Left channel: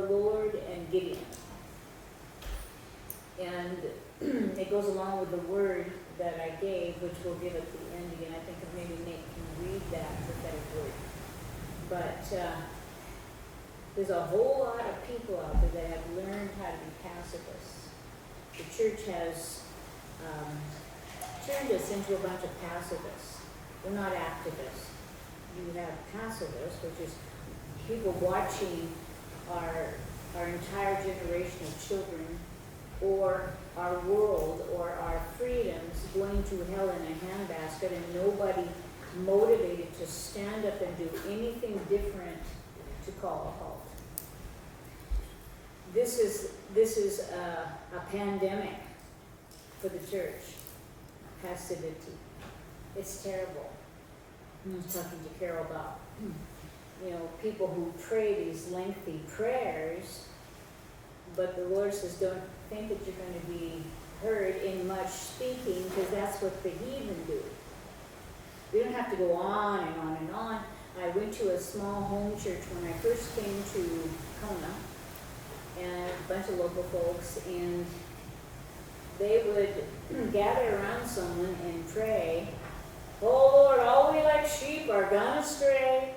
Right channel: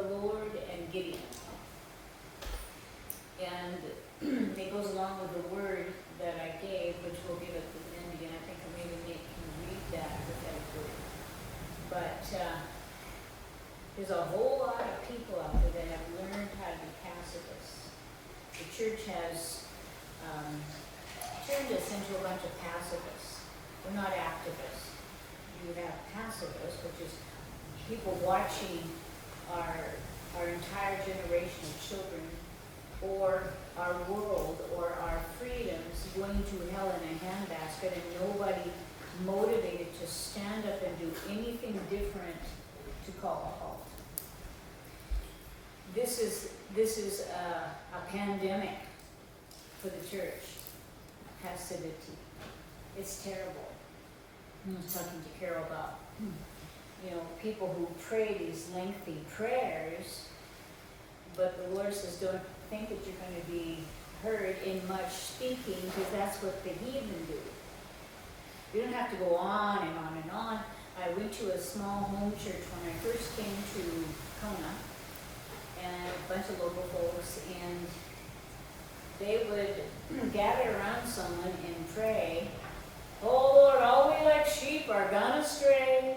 the Lord and Gideon. And it goes along with the word that I gave, which we'll give at the end again. I think maybe Nate can read that prophetic word. But there's a whole lot of people out there that have learned how to be pacifists. The church has turned us into a bunch of pacifists. We're not activists. We have pacifists, which is people watching our entire generation of children, or our world, or our freedoms going to hell in a handbasket, and nobody motivated to stand up and do anything different to call a halt. This is a pandemic for the church. Passivity. It's terrible. I was talking to Carol about, people who pray these lengthy prayers, but the Lord says, don't think that you're going to be heard in much speaking, because that's what the heathen do. You don't have to go on and on and on. I went to a small home church when I first came to Kona, and a bunch of local folks, and they would gather around someone and pray, "Oh Lord, all we like sheep are gone astray.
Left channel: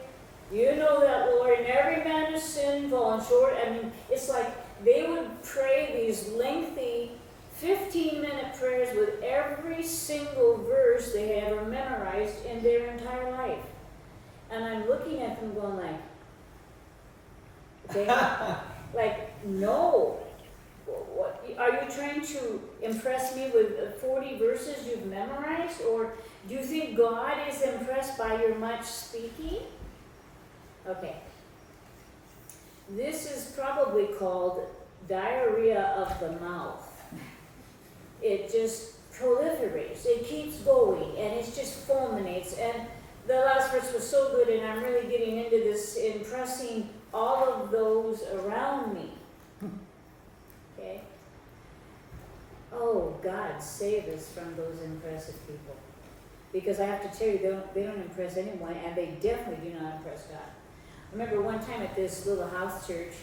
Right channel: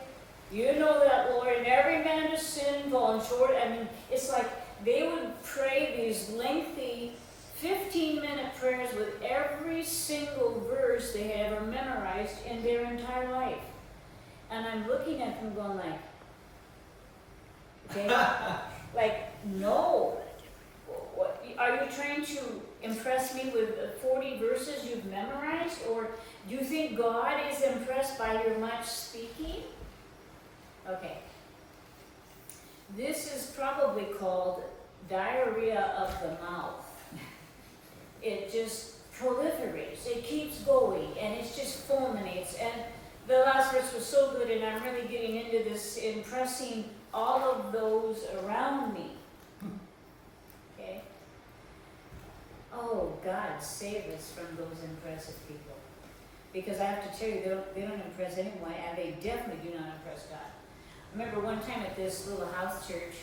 You know that, Lord, and every man has sinned, fallen short." I mean, it's like they would pray these lengthy 15-minute prayers with every single verse they had ever memorized in their entire life. And I'm looking at them going no. What, are you trying to impress me with 40 verses you've memorized? Or do you think God is impressed by your much speaking? Okay. This is probably called diarrhea of the mouth. It just proliferates. It keeps going, and it just fulminates. And the last verse was so good, and I'm really getting into this, impressing all of those around me. Okay? Oh, God, save us from those impressive people. Because I have to tell you, they don't impress anyone, and they definitely do not impress God. I remember one time at this little house church,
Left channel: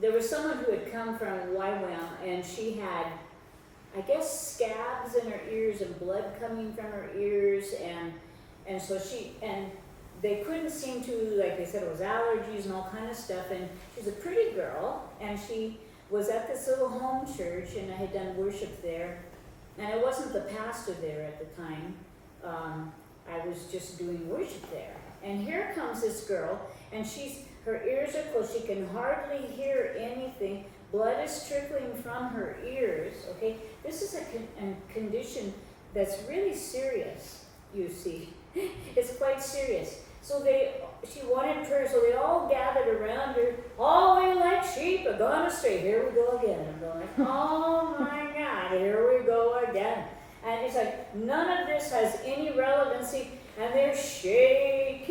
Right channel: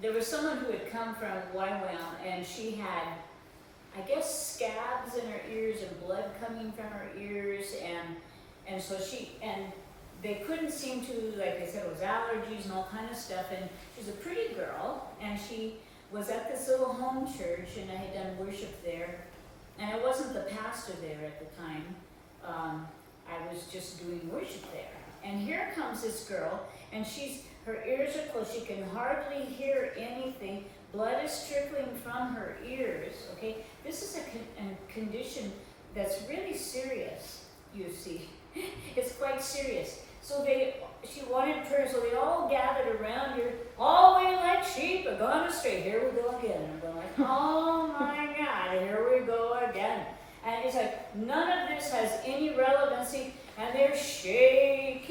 there was someone who had come from Waiwam, and she had, I guess, scabs in her ears and blood coming from her ears, and so they couldn't seem to, like they said, it was allergies and all kind of stuff, and she's a pretty girl, and she was at this little home church, and I had done worship there, and I wasn't the pastor there at the time. I was just doing worship there. And here comes this girl, and her ears are closed. She can hardly hear anything. Blood is trickling from her ears, okay? This is a condition that's really serious, you see. It's quite serious. So she wanted prayer, so they all gathered around her. All we like sheep are gone astray. Here we go again. I'm going like, oh my God, here we go again. And it's like, none of this has any relevancy, and they're shaking,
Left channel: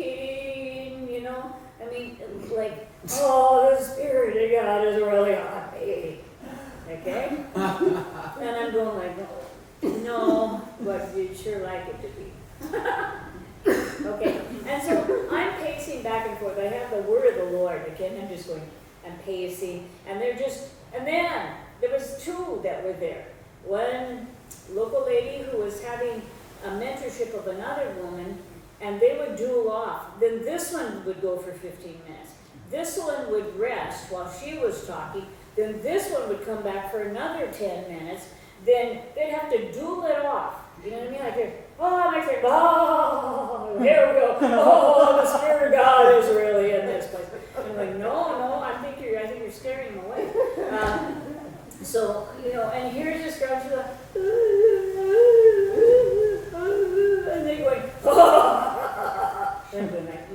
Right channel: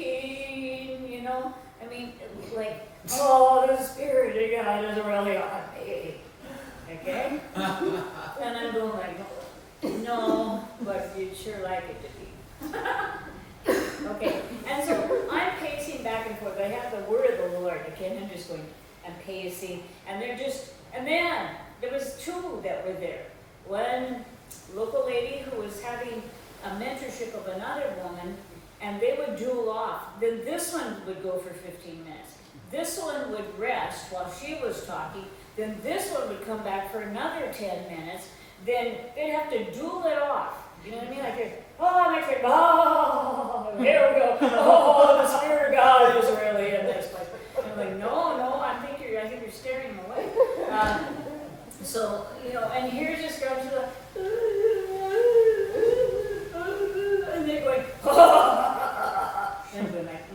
I mean, like, oh, the Spirit of God is really on me. Okay? And I'm going like, no, but you'd sure like it to be. Okay, and so I'm pacing back and forth. I have the word of the Lord, okay, and I'm just going and pacing, and and then there was two that were there. One local lady who was having a mentorship of another woman, and they would duel off. Then this one would go for 15 minutes. This one would rest while she was talking. Then this one would come back for another 10 minutes. Then they'd have to duel it off. You know what I mean? Like, oh, next week, oh, here we go. Oh, the Spirit of God is really in this place. And I'm like, no, I think you're scaring them away. So, and here's this girl, she's like, and they're going, oh, and I'm going like,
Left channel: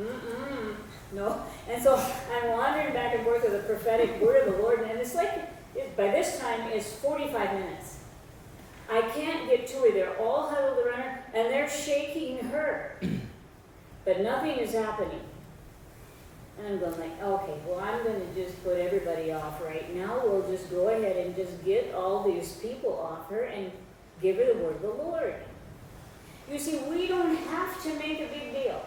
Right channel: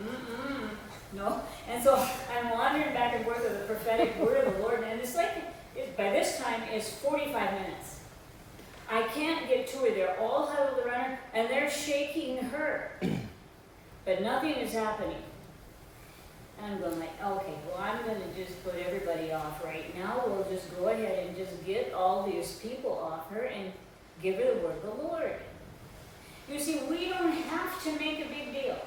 no. And so I'm wandering back and forth with the prophetic word of the Lord, and it's like, by this time, it's 45 minutes. I can't get to her. They're all huddled around her, and they're shaking her. But nothing is happening. And I'm going like, okay, well, I'm going to just put everybody off right now. We'll just go ahead and just get all these people off her and give her the word of the Lord. You see, we don't have to make a big deal.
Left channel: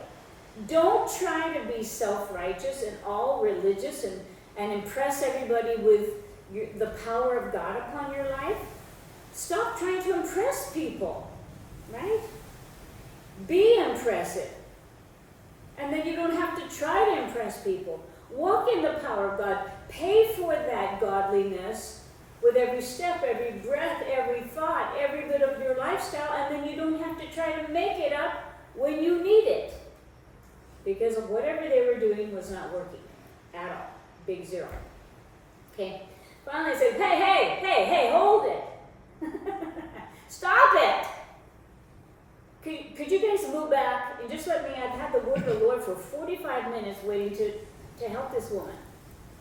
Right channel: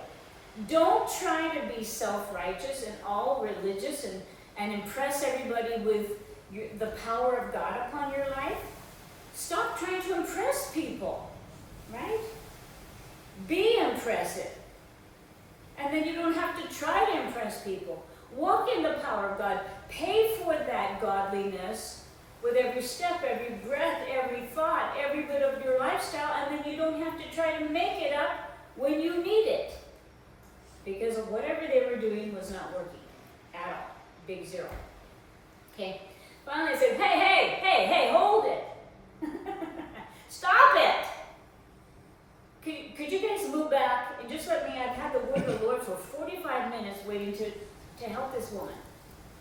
Don't try to be self-righteous and all religious and impress everybody with the power of God upon your life. Stop trying to impress people, right? Be impressive. And then you don't have to try to impress people. Walk in the power of God. Pay for that godliness with every step, every breath, every thought, every bit of your lifestyle, and then you don't have to try to make it up when you need it. Because of whatever they were doing was not working at all. Big zero. Okay. Finally I said, hey, hold it. Stop it. Could you guys move back and just let me, I've had the word of the Lord for 45 minutes waiting to help this woman.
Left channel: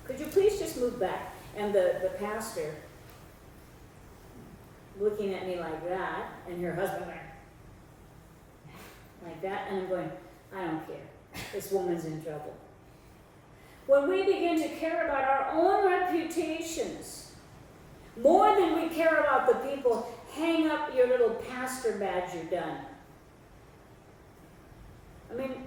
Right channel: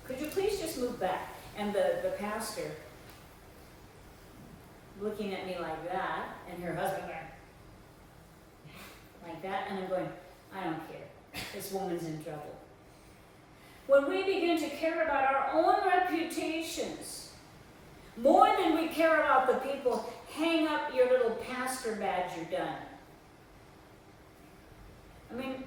Could you please just move back? And the pastor looking at me like that, and her husband like that, and I'm going, I don't care. This woman's in trouble. When we begin to care about our own reputations, more than we care about the people, hang up your little pastor badge, you're done. I mean,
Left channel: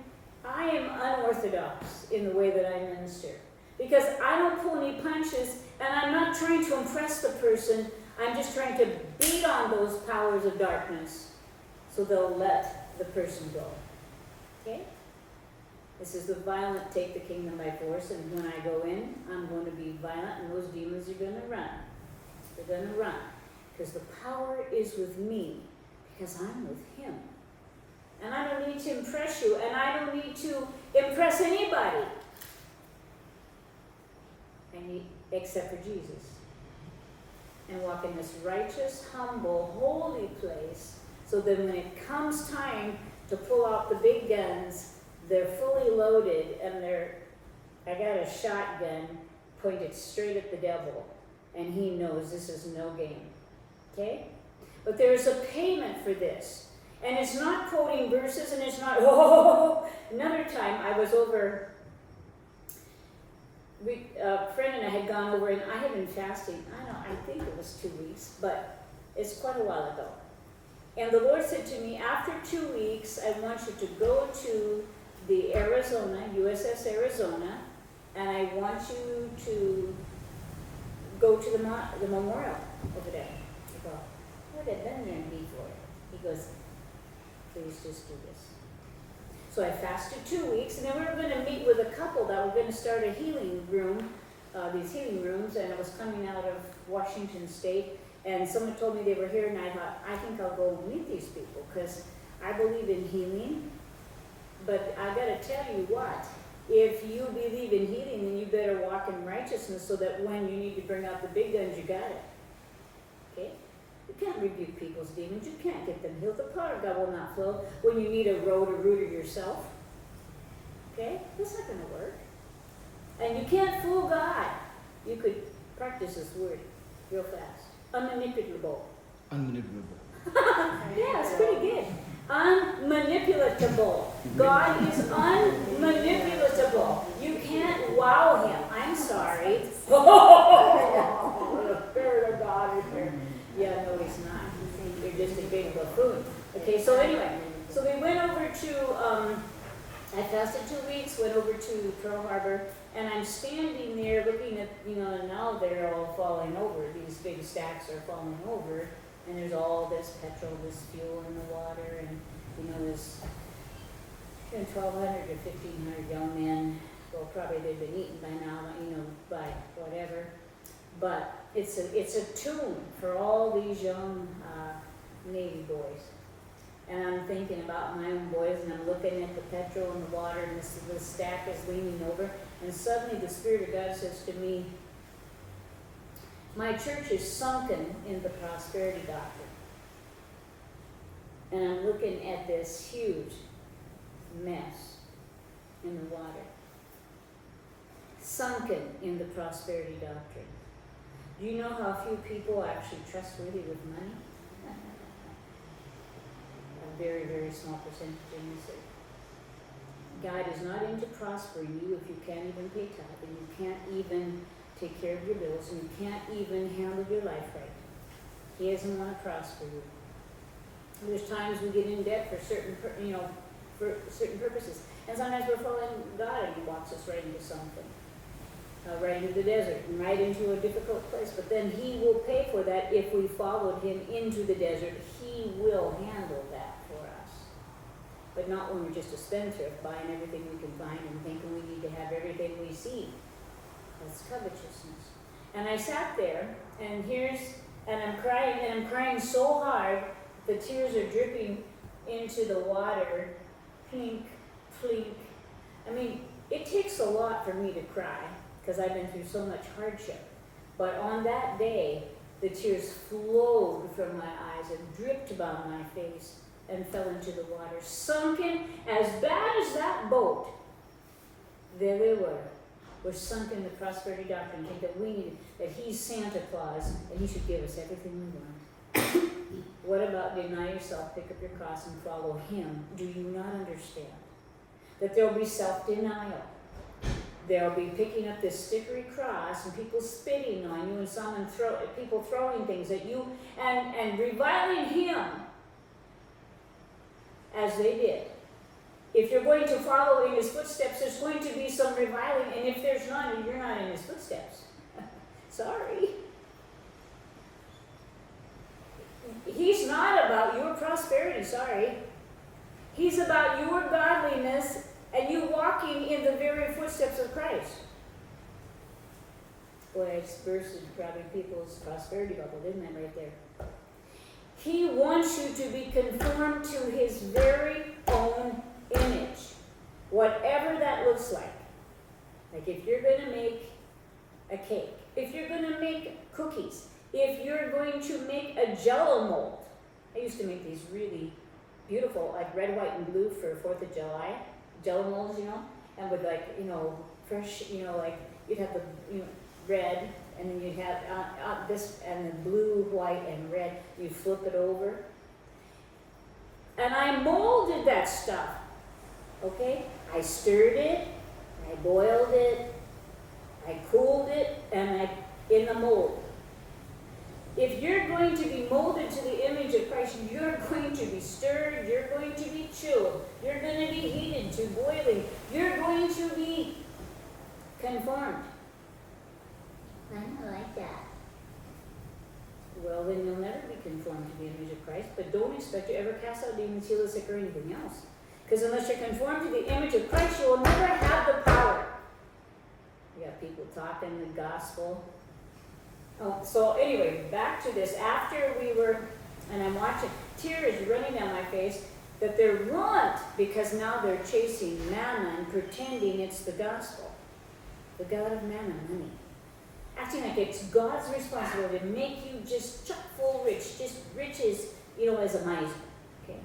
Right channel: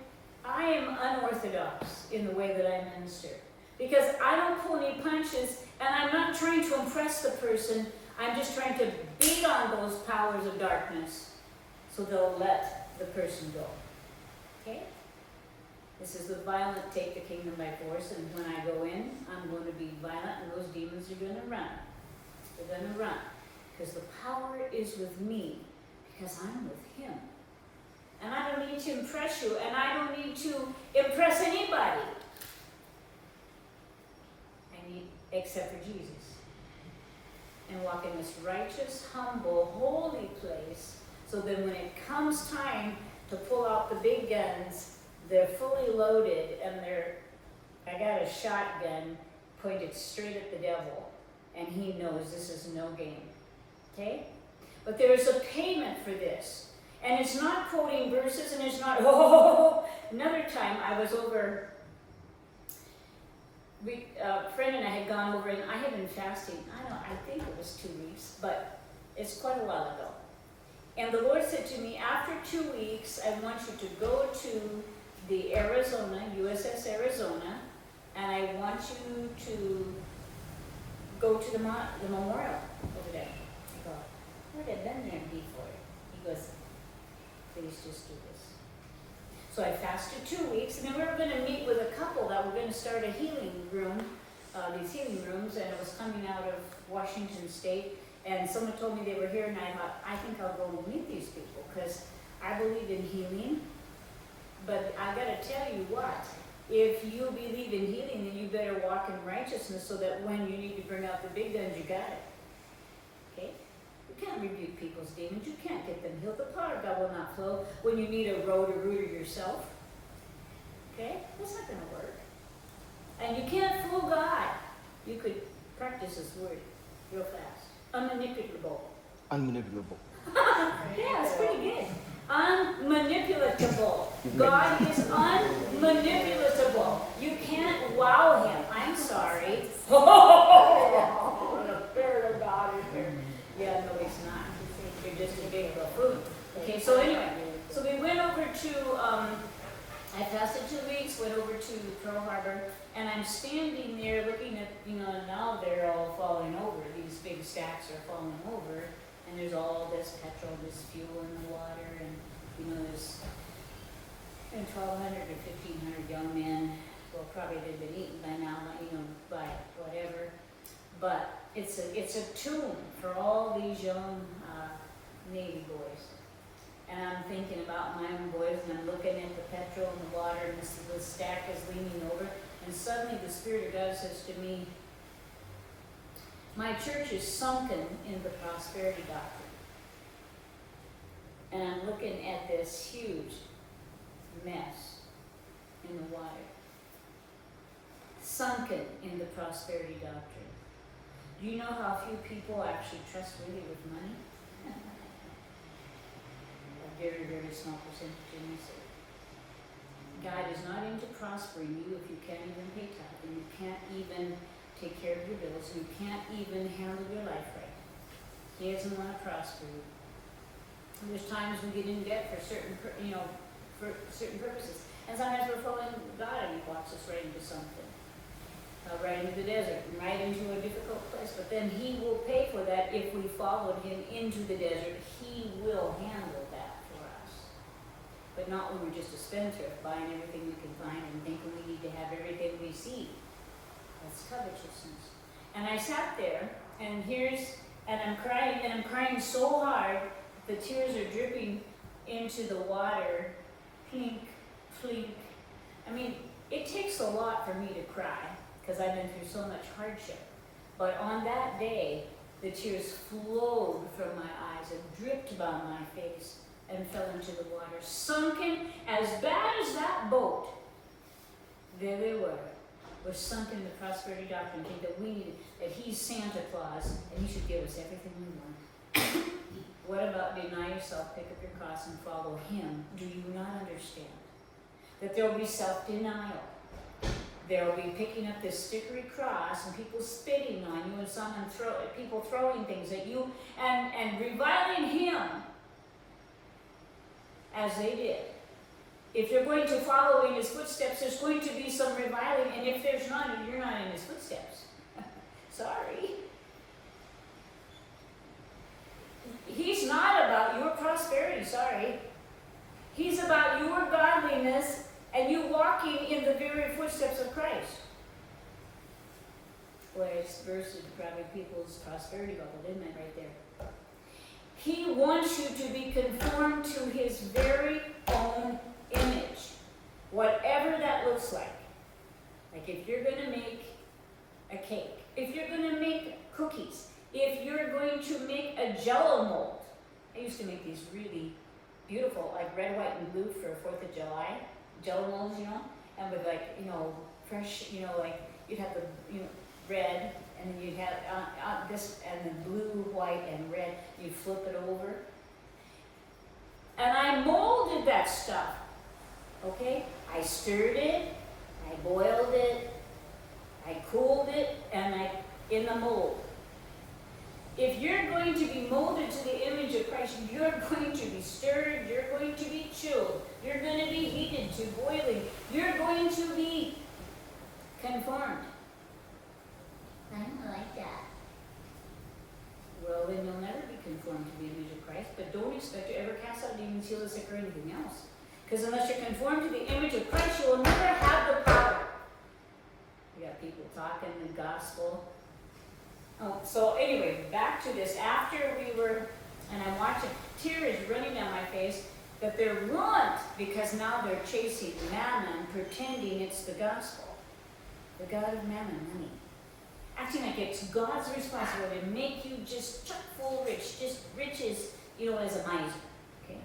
I am unorthodox in the way that I minister. Because I don't pull any punches, and I'm not trying to impress the person. I'm just trying to beat on those powers of darkness so they'll let the person go. Okay? This is the violent take the kingdom by force, and when I go in, I'm going to be violent, and those demons are going to run. They're going to run. Because the power is with me, because I'm with him. And I don't need to impress you, and I don't need to impress anybody. Except for Jesus. And walk in this righteous, humble, holy place, so that when it comes time to pull out the big guns, they're fully loaded, and I got a shotgun pointed straight at the devil, and he knows this is no game. Okay? But there's a payment for this. And it's not quoting verses, and it's not, Another time I was over, a friend and I had gone over, and I had been fasting, I think it was 2 weeks, but it's quite a while ago. And the Lord said to me, after 2 weeks, I want you to go to the Arizona, USS Arizona, and I want you to go to the memorial over there. I go, what had been there need for it? He goes, please just do this. So I fasted 2 weeks, and then we were going to meet with a couple that were going to start a healing room, these healing rooms, and it was coming out of Washington State, and someone told me they were here, and I thought, I think I'll go meet these people, because I believe in healing, but I got to tell you what, if you believe in healing, then you better walk in righteousness, so that when you need to bring out the big guns, you got it. Okay? You can't rebuke people's demons. You can't get them healed. The power of God will not flow when you need a road or rooter yourself. Okay? That's not going to work. And you can't fool God. You could practice this word real fast. Unmanipulable. Unmanipulable. Yeah, it's pretty good. Unmanipulatable. God is unmanipulatable. You can't wow him. I'm sorry. The Spirit of God is there. Yeah, no, he's not. You're just a big buffoon. Okay, so anyway, so we went over to, I fasted 2 weeks, went over to Pearl Harbor, and I'm standing there looking at, now they're all falling over. These big stacks are falling over, and there's all this petrol, this fuel in the water, and, there's 1,200 or 1,500 young men. Well, probably they've been eaten by now, by whatever. But it's a tomb for all these young Navy boys. And I'm thinking about my own boys, and I'm looking at the petrol and the water, and the stack is leaning over. And suddenly the Spirit of God says to me, my church is sunken in the prosperity doctrine. And I'm looking at this huge mess in the water. Sunken in the prosperity doctrine. Do you know how few people are actually trustworthy with money? A very, very small percentage in this earth. God is not into prospering you if you can't even pay tithe, and you can't even take care of your bills, and you can't even handle your life right. He doesn't want to prosper you. There's times we get in debt for certain purposes. And sometimes we're following God and He walks us right into something. Right into the desert, right into a difficult place. But then He will pay for that if we followed Him into the desert. He will handle that for us. But not when we're just a spendthrift, buying everything we can find and thinking we need to have everything we see. That's covetousness. And I sat there, and I'm crying so hard, the tears are dripping into the water, plink, plink. I mean, it takes a lot for me to cry, because I've been through so much hardship. But on that day, the tears flowed from my eyes and dripped down my face and fell into the water. Sunken, as bad as that boat, there they were. Was sunk in the prosperity doctrine, that we needed, that He's Santa Claus, and He should give us everything we want. What about deny yourself, pick up your cross, and follow Him? Do you not understand? That there will be self-denial. There will be picking up this stickery cross and people spitting on you and people throwing things at you and reviling Him as they did. If you're going to follow in His footsteps, there's going to be some reviling, and if there's none, you're not in His footsteps. Sorry. He's not about your prosperity, sorry. He's about your godliness and you walking in the very footsteps of Christ. Boy, it's bursted probably people's prosperity bubble, didn't I, right there? He wants you to be conformed to His very own image, whatever that looks like. Like if you're going to make a cake, if you're going to make cookies, if you're going to make a Jell-O mold. I used to make these really beautiful, like red, white, and blue for 4th of July, Jell-O molds, and with fresh, like you'd have the, red, and then you'd have this, and then blue, white, and red. You flip it over. And I molded that stuff, okay? I stirred it, I boiled it, I cooled it, and in the mold. If you're going to be molded to the image of Christ, you're going to be stirred, you're going to be chilled, you're going to be heated to boiling, you're going to be conformed. I don't like that. Well, then you'll never be conformed to the image of Christ, but don't expect to ever cast out demons, heal the sick, or anything else. Because unless you're conformed to the image of Christ, you will never have the power. You got people talking the gospel. So anyway, back to this. After we were, and I'm watching, tears running down my face, that they're ruined because now they're chasing mammon, pretending it's the gospel. The God of mammon, money. Acting like it's God's responsibility to make you just chock full rich, just riches, as a miser. Okay?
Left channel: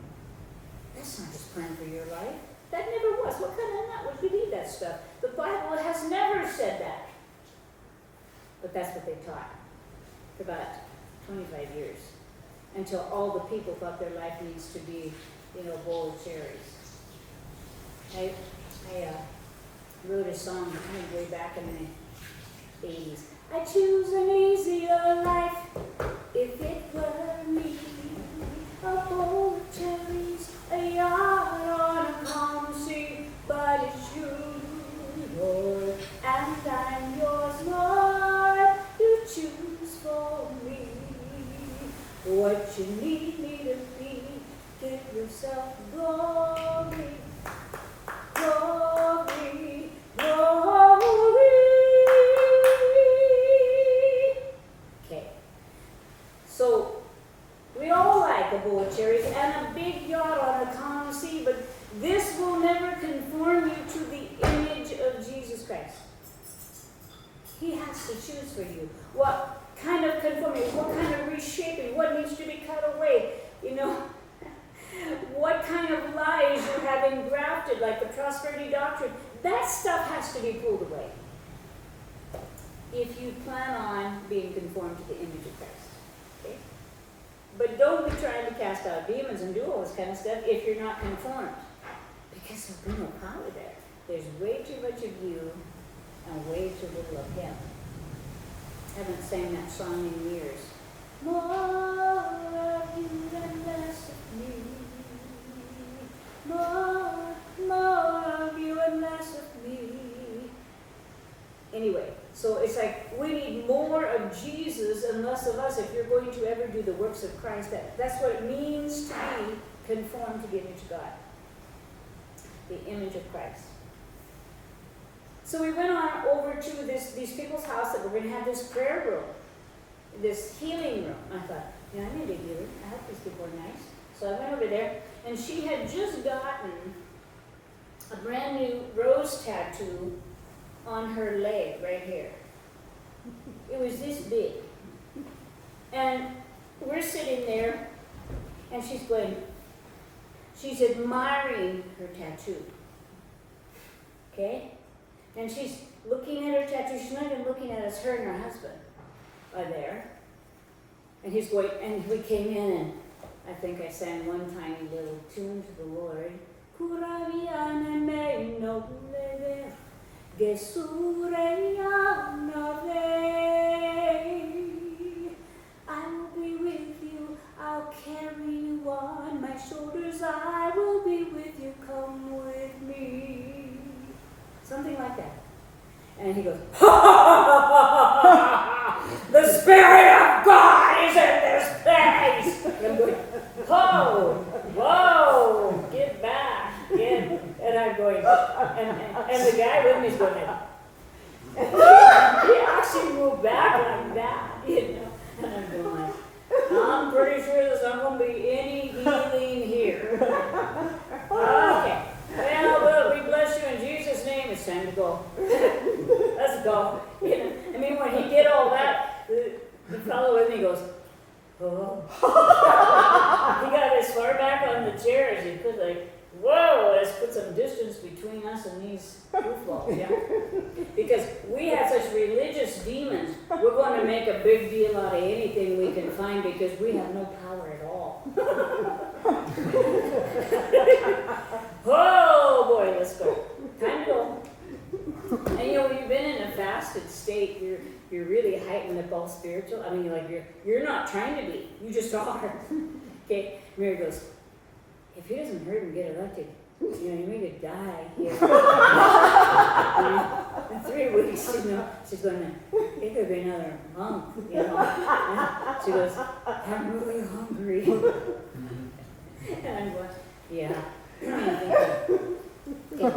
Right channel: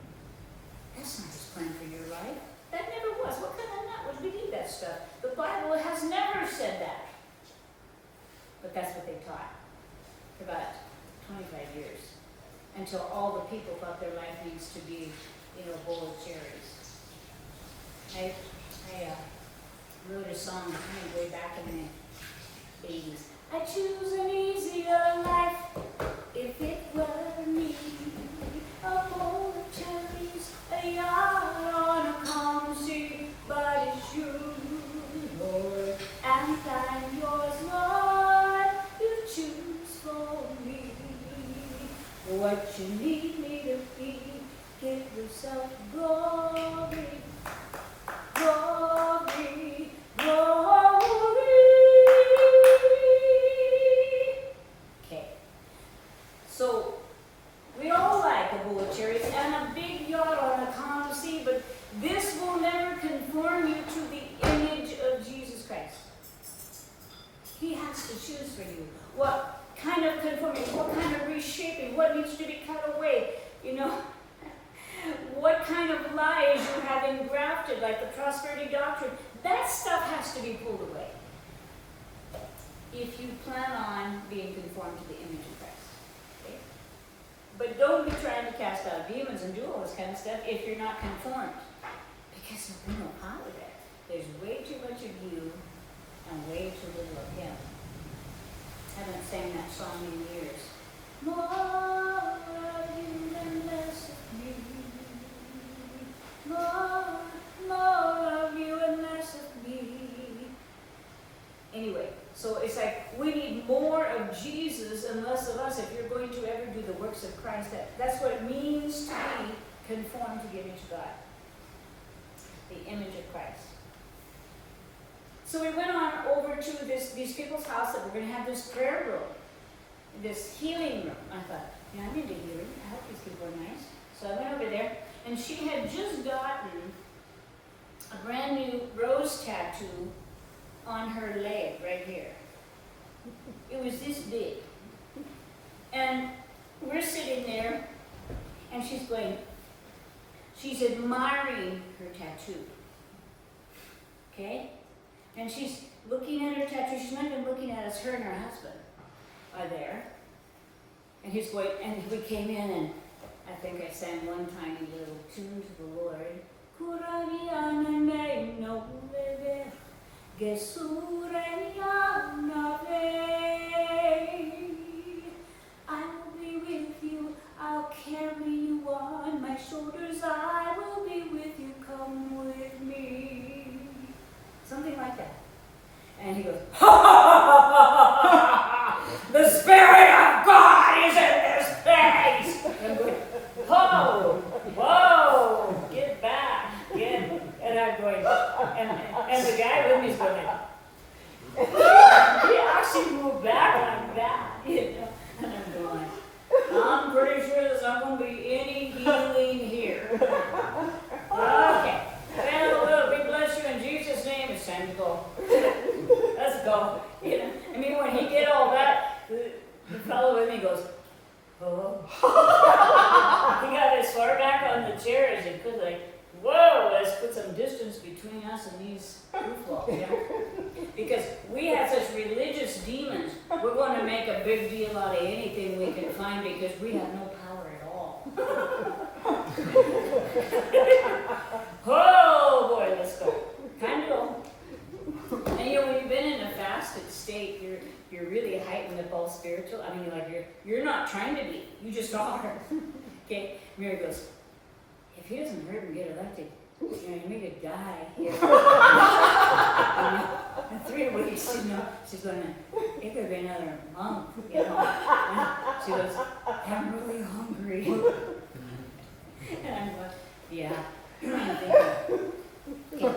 That's not His plan for your life. That never was. What kind of nut would believe that stuff? The Bible has never said that. But that's what they taught for about 25 years. Until all the people thought their life needs to be, a bowl of cherries. I wrote a song kind of way back in the 80s. I choose an easier life if it were me. A bowl of cherries, a yacht on a calm sea, but it's you, Lord, and I'm yours, Lord. You choose for me what you need me to be. Give yourself glory, glory, glory. Okay. So we all like a bowl of cherries and a big yacht on a calm sea, but this will never conform you to the image of Jesus Christ. He has to choose for you. What kind of conformity, what kind of reshaping, what needs to be cut away, what kind of lies you have engrafted, like the prosperity doctrine. That stuff has to be pulled away if you plan on being conformed to the image of Christ. Okay? But don't be trying to cast out demons and do all this kind of stuff if you're not conformed, because there's no power there. There's way too much of you and way too little of Him. I haven't sang that song in years. More of you and less of me. More of So it's like we need more of Jesus and less of us if you're going to ever do the works of Christ. That's what it means to be conformed to the image of God. The image of Christ. So we went on over to these people's house that were going to have this prayer room, this healing room. I thought, yeah, I need a healer. I hope these people are nice. So I went over there, and she had just gotten a brand new rose tattoo on her leg right here. It was this big. And we're sitting there, and she's admiring her tattoo. Okay? And she's looking at her tattoo. She's not even looking at us. Her and her husband are there. And he's going, and we came in, and I think I sang one tiny little tune to the Lord. I will be with you, I'll carry you on my shoulders, I will be with you, come with me. Something like that. And he goes, the Spirit of God is in this place. And I'm going, whoa, whoa, get back, and I'm going, and the guy with me is going, he actually moved back like that, you know. And I'm going, I'm pretty sure there's not going to be any healing here. Okay. Well, Lord, we bless you in Jesus' name. It's time to go. Let's go. You know, I mean, when he did all that, the fellow with me goes, oh. He got as far back on the chair as he could, like, whoa, let's put some distance between us and these goofballs, yeah? Because we have such religious demons, we're going to make a big deal out of anything we can find because we have no power at all. Oh boy, let's go. Time to go. And you know, when you've been in a fasted state, you're really heightened up all spiritual. I mean, you're not trying to be, you just are. Okay, Mary goes, if he doesn't hurt and get elected, you know, you could die here. In 3 weeks, you know, she's going to, it could be another month, you know. And she goes, I'm really hungry. And I'm going, yeah. Yeah.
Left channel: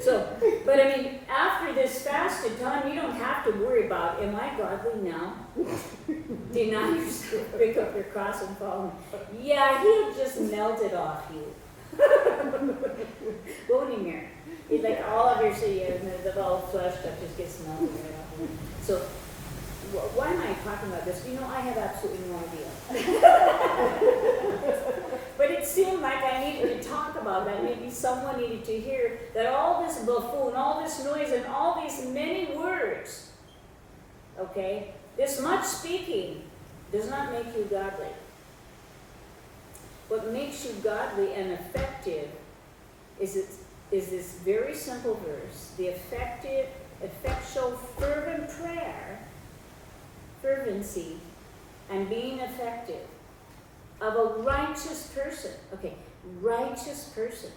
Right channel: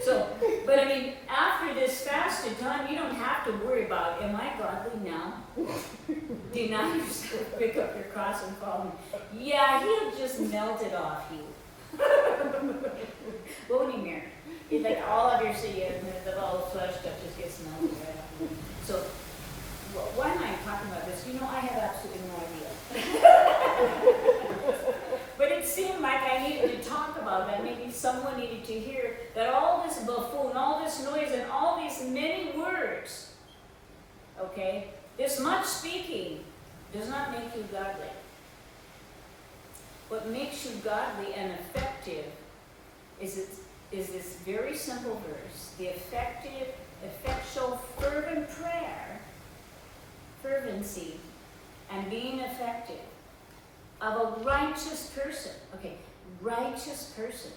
So, but I mean, after this fasted time, you don't have to worry about, am I godly now? Deny yourself, pick up your cross and follow him. Yeah, he'll just melt it off you. Won't he, Mary? It's like all of your the all flesh stuff just gets melted right off you. So, why am I talking about this? You know, I have absolutely no idea. But it seemed like I needed to talk about that. Maybe someone needed to hear that all this buffoon, all this noise, and all these many words, okay, this much speaking does not make you godly. What makes you godly and effective is this very simple verse, the effectual, fervent prayer, fervency, and being effective of a righteous person. Okay, righteous person.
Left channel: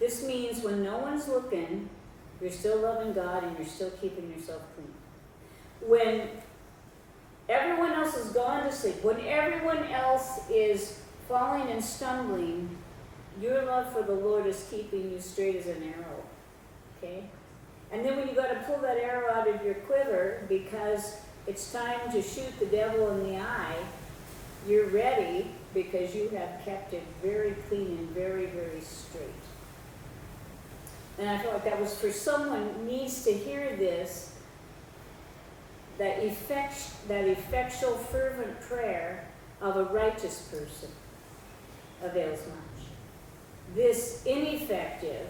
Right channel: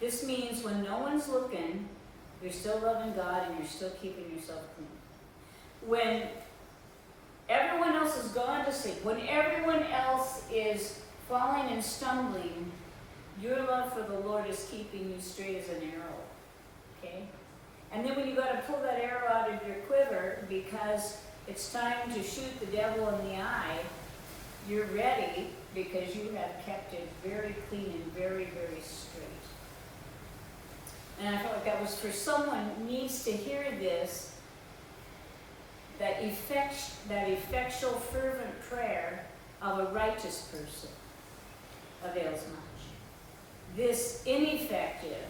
This means when no one's looking, you're still loving God and you're still keeping yourself clean. When everyone else has gone to sleep, when everyone else is falling and stumbling, your love for the Lord is keeping you straight as an arrow. Okay? And then when you got to pull that arrow out of your quiver because it's time to shoot the devil in the eye, you're ready because you have kept it very clean and very, very straight. And I felt like that was for someone who needs to hear this, that effectual, fervent prayer of a righteous person avails much. This ineffective,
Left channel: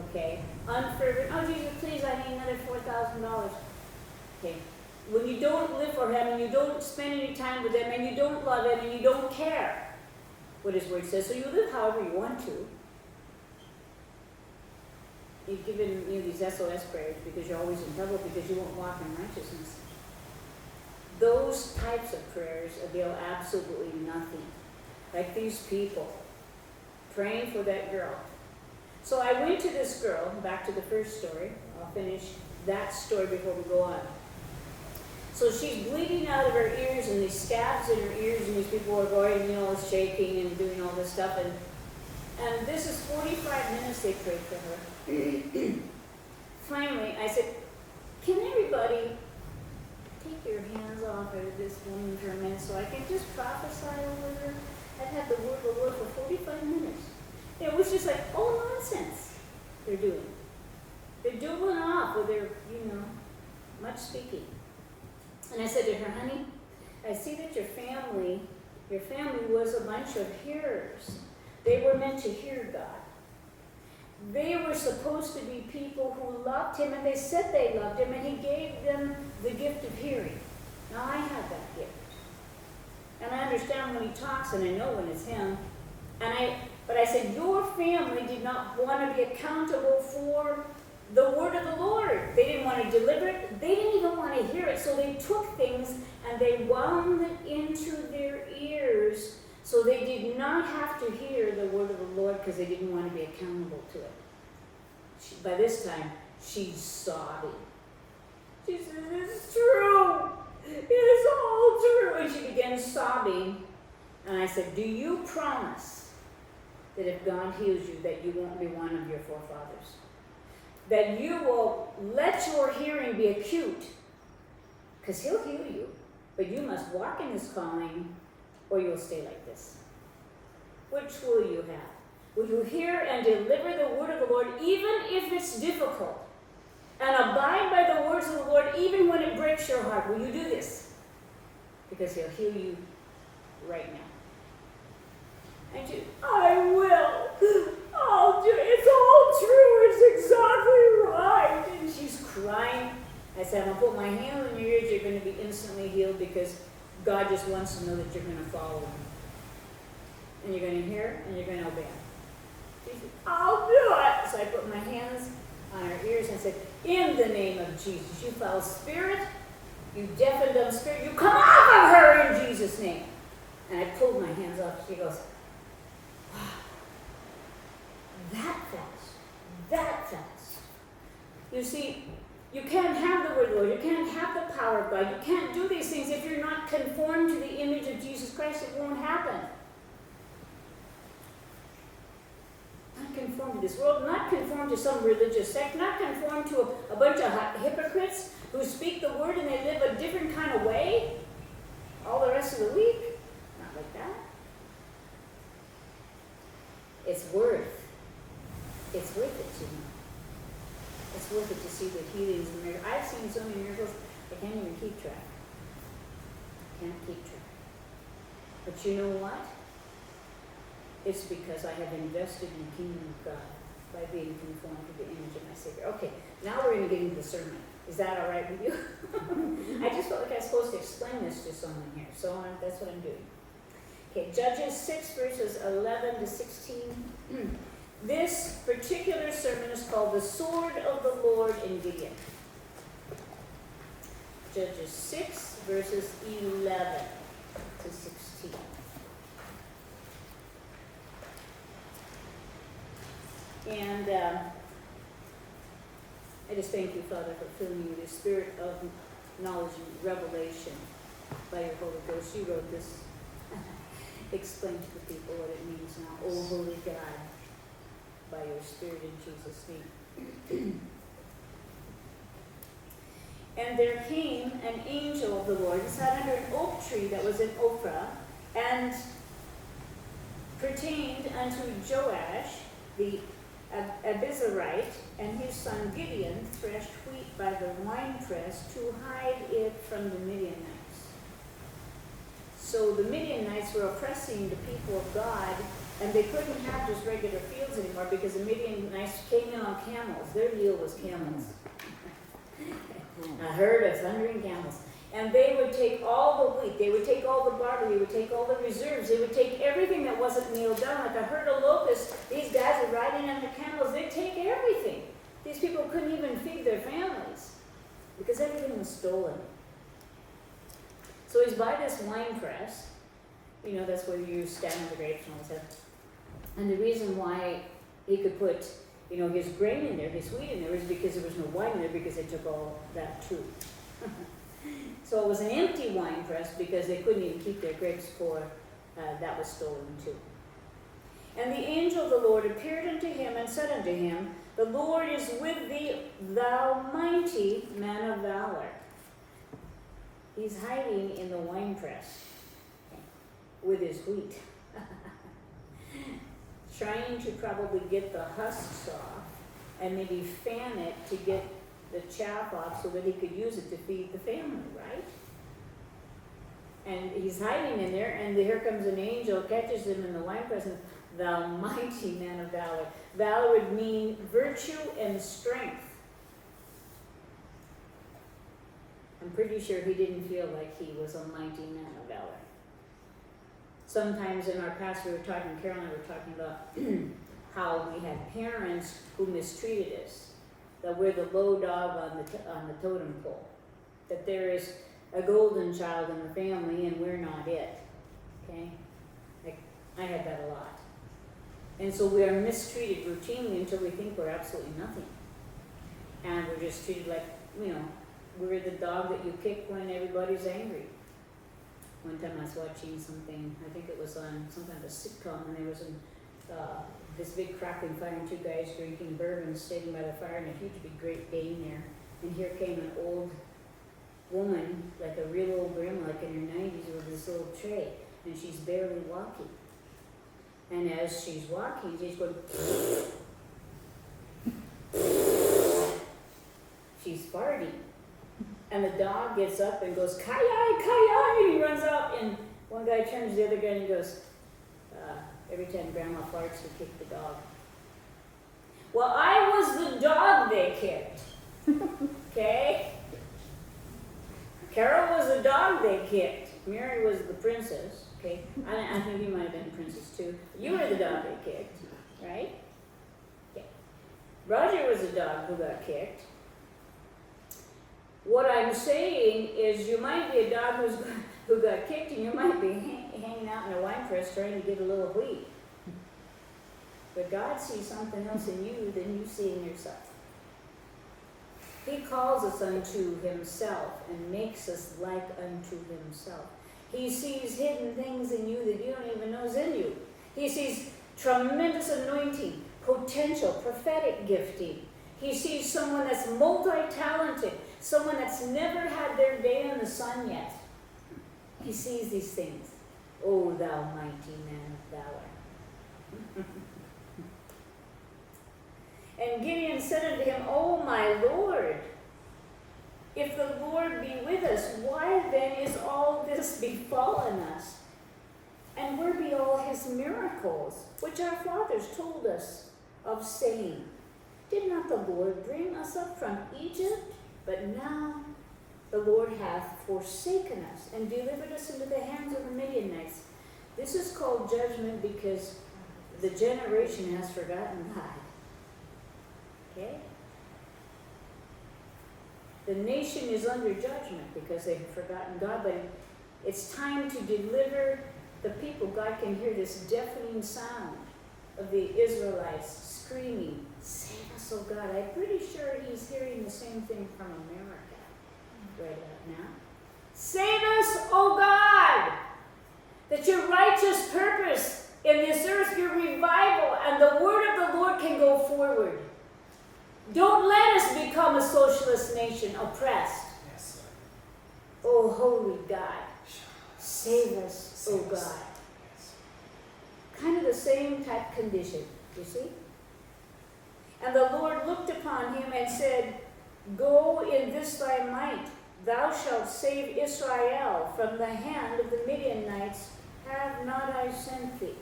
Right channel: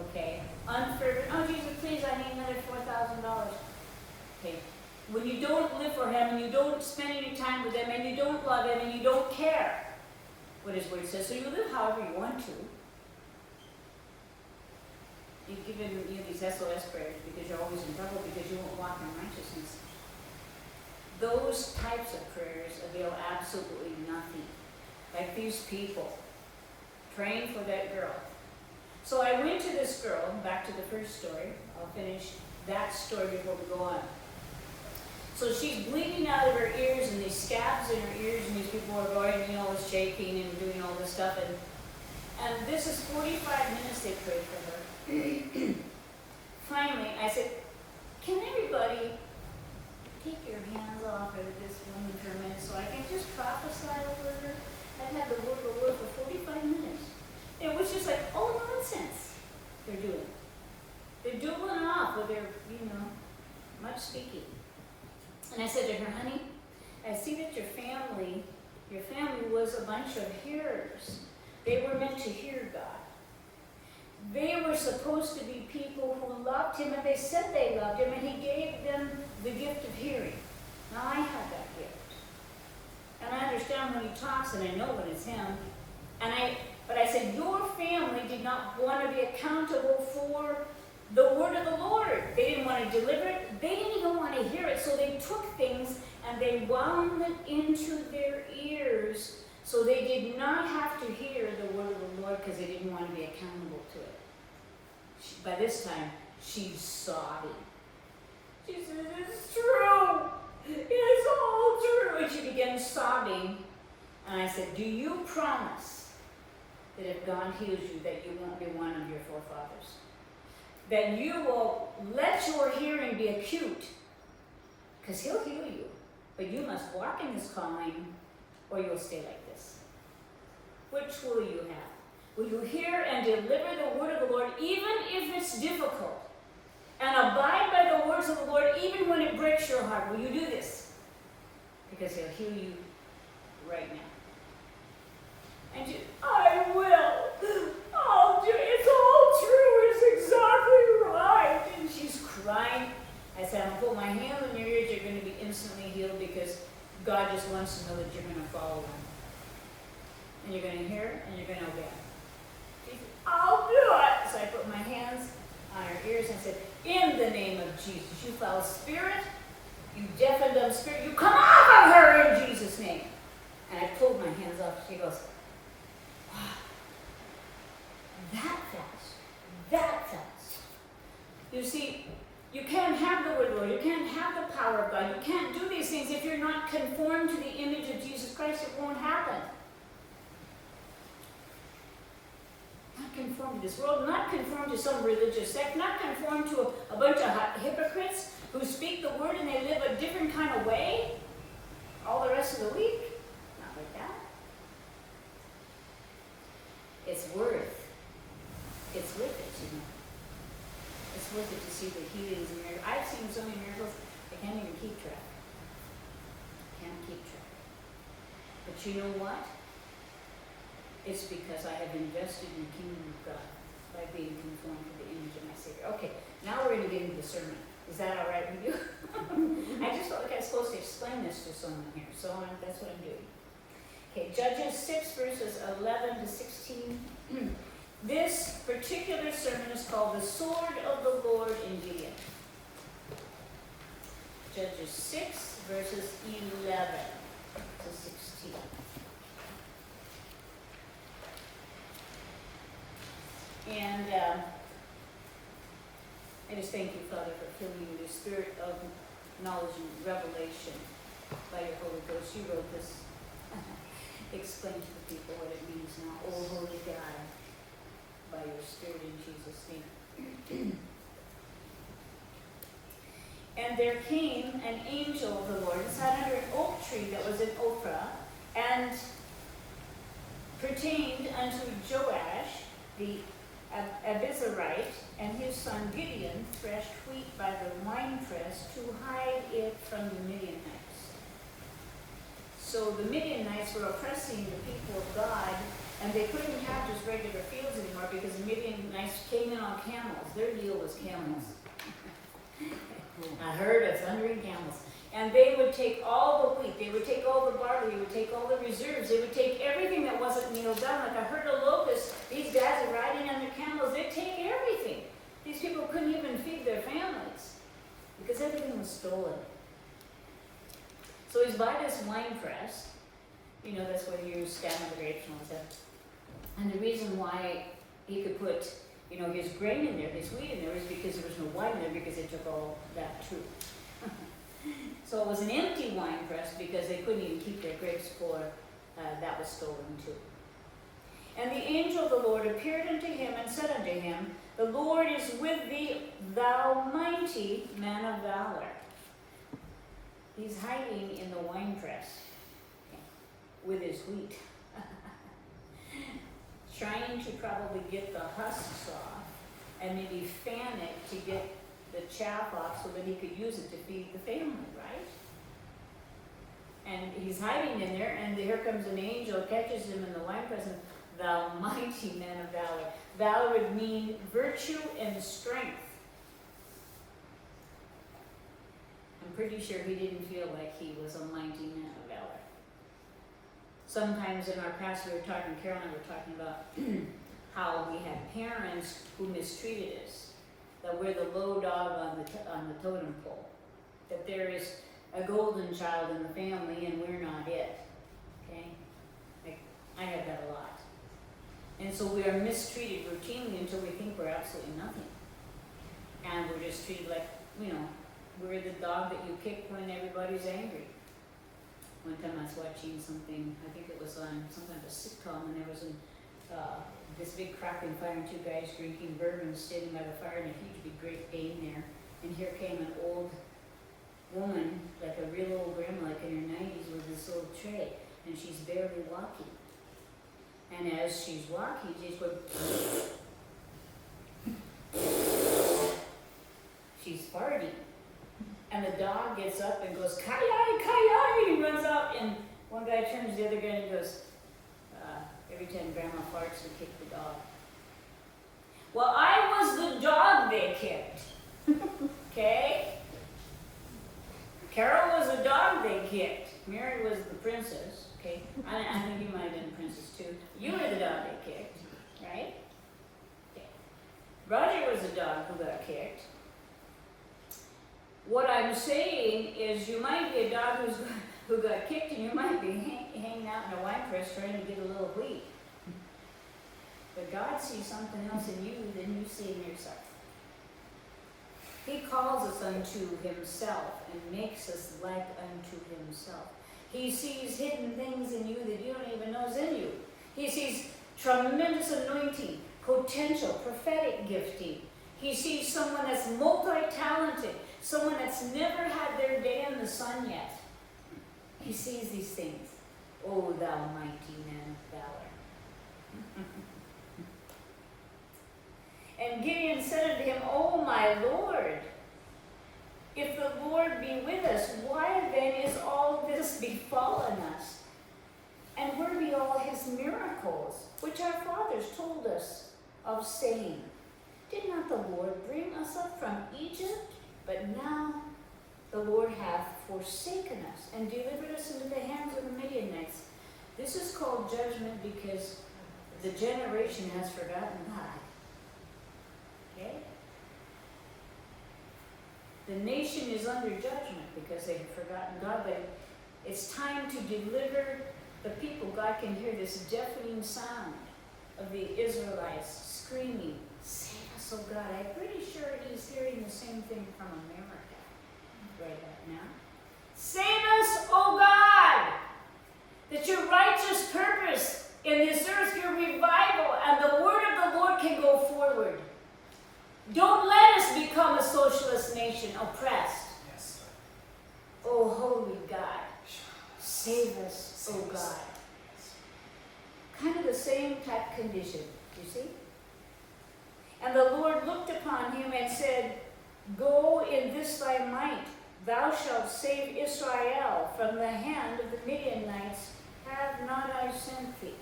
okay, unfervent, oh Jesus, please, I need another $4,000. Okay. When you don't live for him and you don't spend any time with him and you don't love him and you don't care what his word says, so you live however you want to. You've given these SOS prayers because you're always in trouble because you won't walk in righteousness. Those types of prayers avail absolutely nothing. Like these people praying for that girl. So I went to this girl, back to the first story, I'll finish that story before we go on. So she's bleeding out of her ears and these scabs in her ears, and these people are going, shaking and doing all this stuff. And this is 45 minutes they prayed for her. Finally, I said, can everybody take your hands off of this woman for a minute so I can just prophesy over her? I've had the word of the Lord for 45 minutes. It was just like, oh, nonsense they're doing. They're doubling off with their, much speaking. And I said to her, honey, I see that your family was a bunch of hearers. They were meant to hear God. They were supposed to be people who loved him, and they said they loved him, and he gave them the gift of hearing. Now, I have that gift. And I understand when he talks, and I know when it's him. But I said, your family did not want to be accountable for the word of the Lord. They didn't want to deliver it. They didn't even want to hear it. So they took things and they wound it into their ears so they did not have to hear the word of the Lord because they didn't want to be accountable to it. By this time, she's sobbing. She says, it's true. It's all true. And she began sobbing. And I said, do you promise that if God heals you, that you won't be one of your forefathers? That you will let your hearing be acute, because he'll heal you, but you must walk in this calling or you'll stay like this. Which will you have? Will you hear and deliver the word of the Lord even if it's difficult? And abide by the words of the Lord even when it breaks your heart? Will you do this? Because he'll heal you right now. And you, I will. Oh, it's all true. It's exactly right. And she's crying. I said, I'm going to put my hand on your ears. You're going to be instantly healed because God just wants to know that you're going to follow him. And you're going to hear and you're going to obey. She said, I'll do it. So I put my hands on her ears and said, in the name of Jesus, you foul spirit, you deaf and dumb spirit, you come out of her in Jesus' name. And I pulled my hands off. She goes, that fast. You see, you can't have the word of the Lord. You can't have the power of God. You can't do these things if you're not conformed to the image of Jesus Christ. It won't happen. Not conformed to this world, not conformed to some religious sect, not conformed to a bunch of hypocrites who speak the word and they live a different kind of way all the rest of the week. Not like that. It's worth it, It's worth it to see the healings and miracles. I've seen so many miracles, I can't even keep track. But you know what? It's because I have invested in the kingdom of God by being conformed to the image of my Savior. Okay, now we're going to get into the sermon. Is that all right with you? I just felt like I was supposed to explain this to someone here, so that's what I'm doing. Okay, Judges 6, verses 11 to 16. This particular sermon is called The Sword of the Lord in Gideon. Judges 6, verses 11 to 16. And I just thank you, Father, for filling me with the spirit of knowledge and revelation by your Holy Ghost. You wrote this. Explain to the people what it means now. Oh, Holy God, by your Spirit in Jesus' name. And there came an angel of the Lord and sat under an oak tree that was in Ophrah, and pertained unto Joash the Abizarite, and his son Gideon threshed wheat by the winepress to hide it from the Midianites. So the Midianites were oppressing the people of God, and they couldn't have just regular fields anymore because the Midianites came in on camels. Their deal was camels. A herd of thundering camels. And they would take all the wheat, they would take all the barley, they would take all the reserves, they would take everything that wasn't nailed down. Like a herd of locusts, these guys are riding on their camels, they'd take everything. These people couldn't even feed their families because everything was stolen. So he's by this wine press. You know, that's where you stand on the grapes and all that. And the reason why he could put his grain in there, his wheat in there, is because there was no wine in there because they took all that too. So it was an empty wine press because they couldn't even keep their grapes for that was stolen too. And the angel of the Lord appeared unto him and said unto him, The Lord is with thee, thou mighty man of valor. He's hiding in the winepress with his wheat, trying to probably get the husks off and maybe fan it to get the chaff off so that he could use it to feed the family, right? And he's hiding in there, and here comes an angel, catches him in the winepress, and thou mighty man of valor. Valor would mean virtue and strength. I'm pretty sure he didn't feel like he was a mighty man of valor. Sometimes in our past, Carol and I were talking about how we had parents who mistreated us, that we're the low dog on the totem pole, that there is a golden child in the family and we're not it. Okay? I had that a lot. And so we are mistreated routinely until we think we're absolutely nothing. And we're just treated like, we're the dog that you kick when everybody's angry. One time I was watching something, I think it was on some kind of a sitcom, and there was this big cracking fire and two guys drinking bourbon sitting by the fire and a huge big Great Dane there. And here came an old woman, like a real old grandma, like in her 90s, with this little tray, and she's barely walking. And as she's walking, she's going, she's farting. And the dog gets up and goes, "Kai-yi, kai-yi," and he runs out, and one guy turns to the other guy and he goes, every time Grandma farts, they kick the dog. Well, I was the dog they kicked. Okay? Carol was the dog they kicked. Mary was the princess. Okay? I think you might have been a princess too. You were the dog they kicked, right? Okay. Roger was the dog who got kicked. What I'm saying is you might be a dog who got kicked, and you might be hanging out in a wine press trying to get a little wheat. But God sees something else in you than you see in yourself. He calls us unto himself and makes us like unto himself. He sees hidden things in you that you don't even know is in you. He sees tremendous anointing, potential, prophetic gifting. He sees someone that's multi-talented, someone that's never had their day in the sun yet. He sees these things. O thou mighty man of valor. And Gideon said unto him, O my Lord, if the Lord be with us, why then is all this befallen us? And where be all his miracles, which our fathers told us of, saying, Did not the Lord bring us up from Egypt? But now the Lord hath forsaken us and delivered us into the hands of the Midianites. This is called judgment because the generation has forgotten God. Okay? The nation is under judgment because they've forgotten God, but it's time to deliver the people. God can hear this deafening sound of the Israelites screaming, Save us, O God. I'm pretty sure he's hearing the same thing from America right out now. Save us, O God, that your righteous purpose in this earth, your revival, and the word of the Lord can go forward. Don't let us become a socialist nation, oppressed. Yes. Oh, holy God, save us, O God. Kind of the same type condition, you see? And the Lord looked upon him and said, Go in this thy might, thou shalt save Israel from the hand of the Midianites. Have not I sent thee?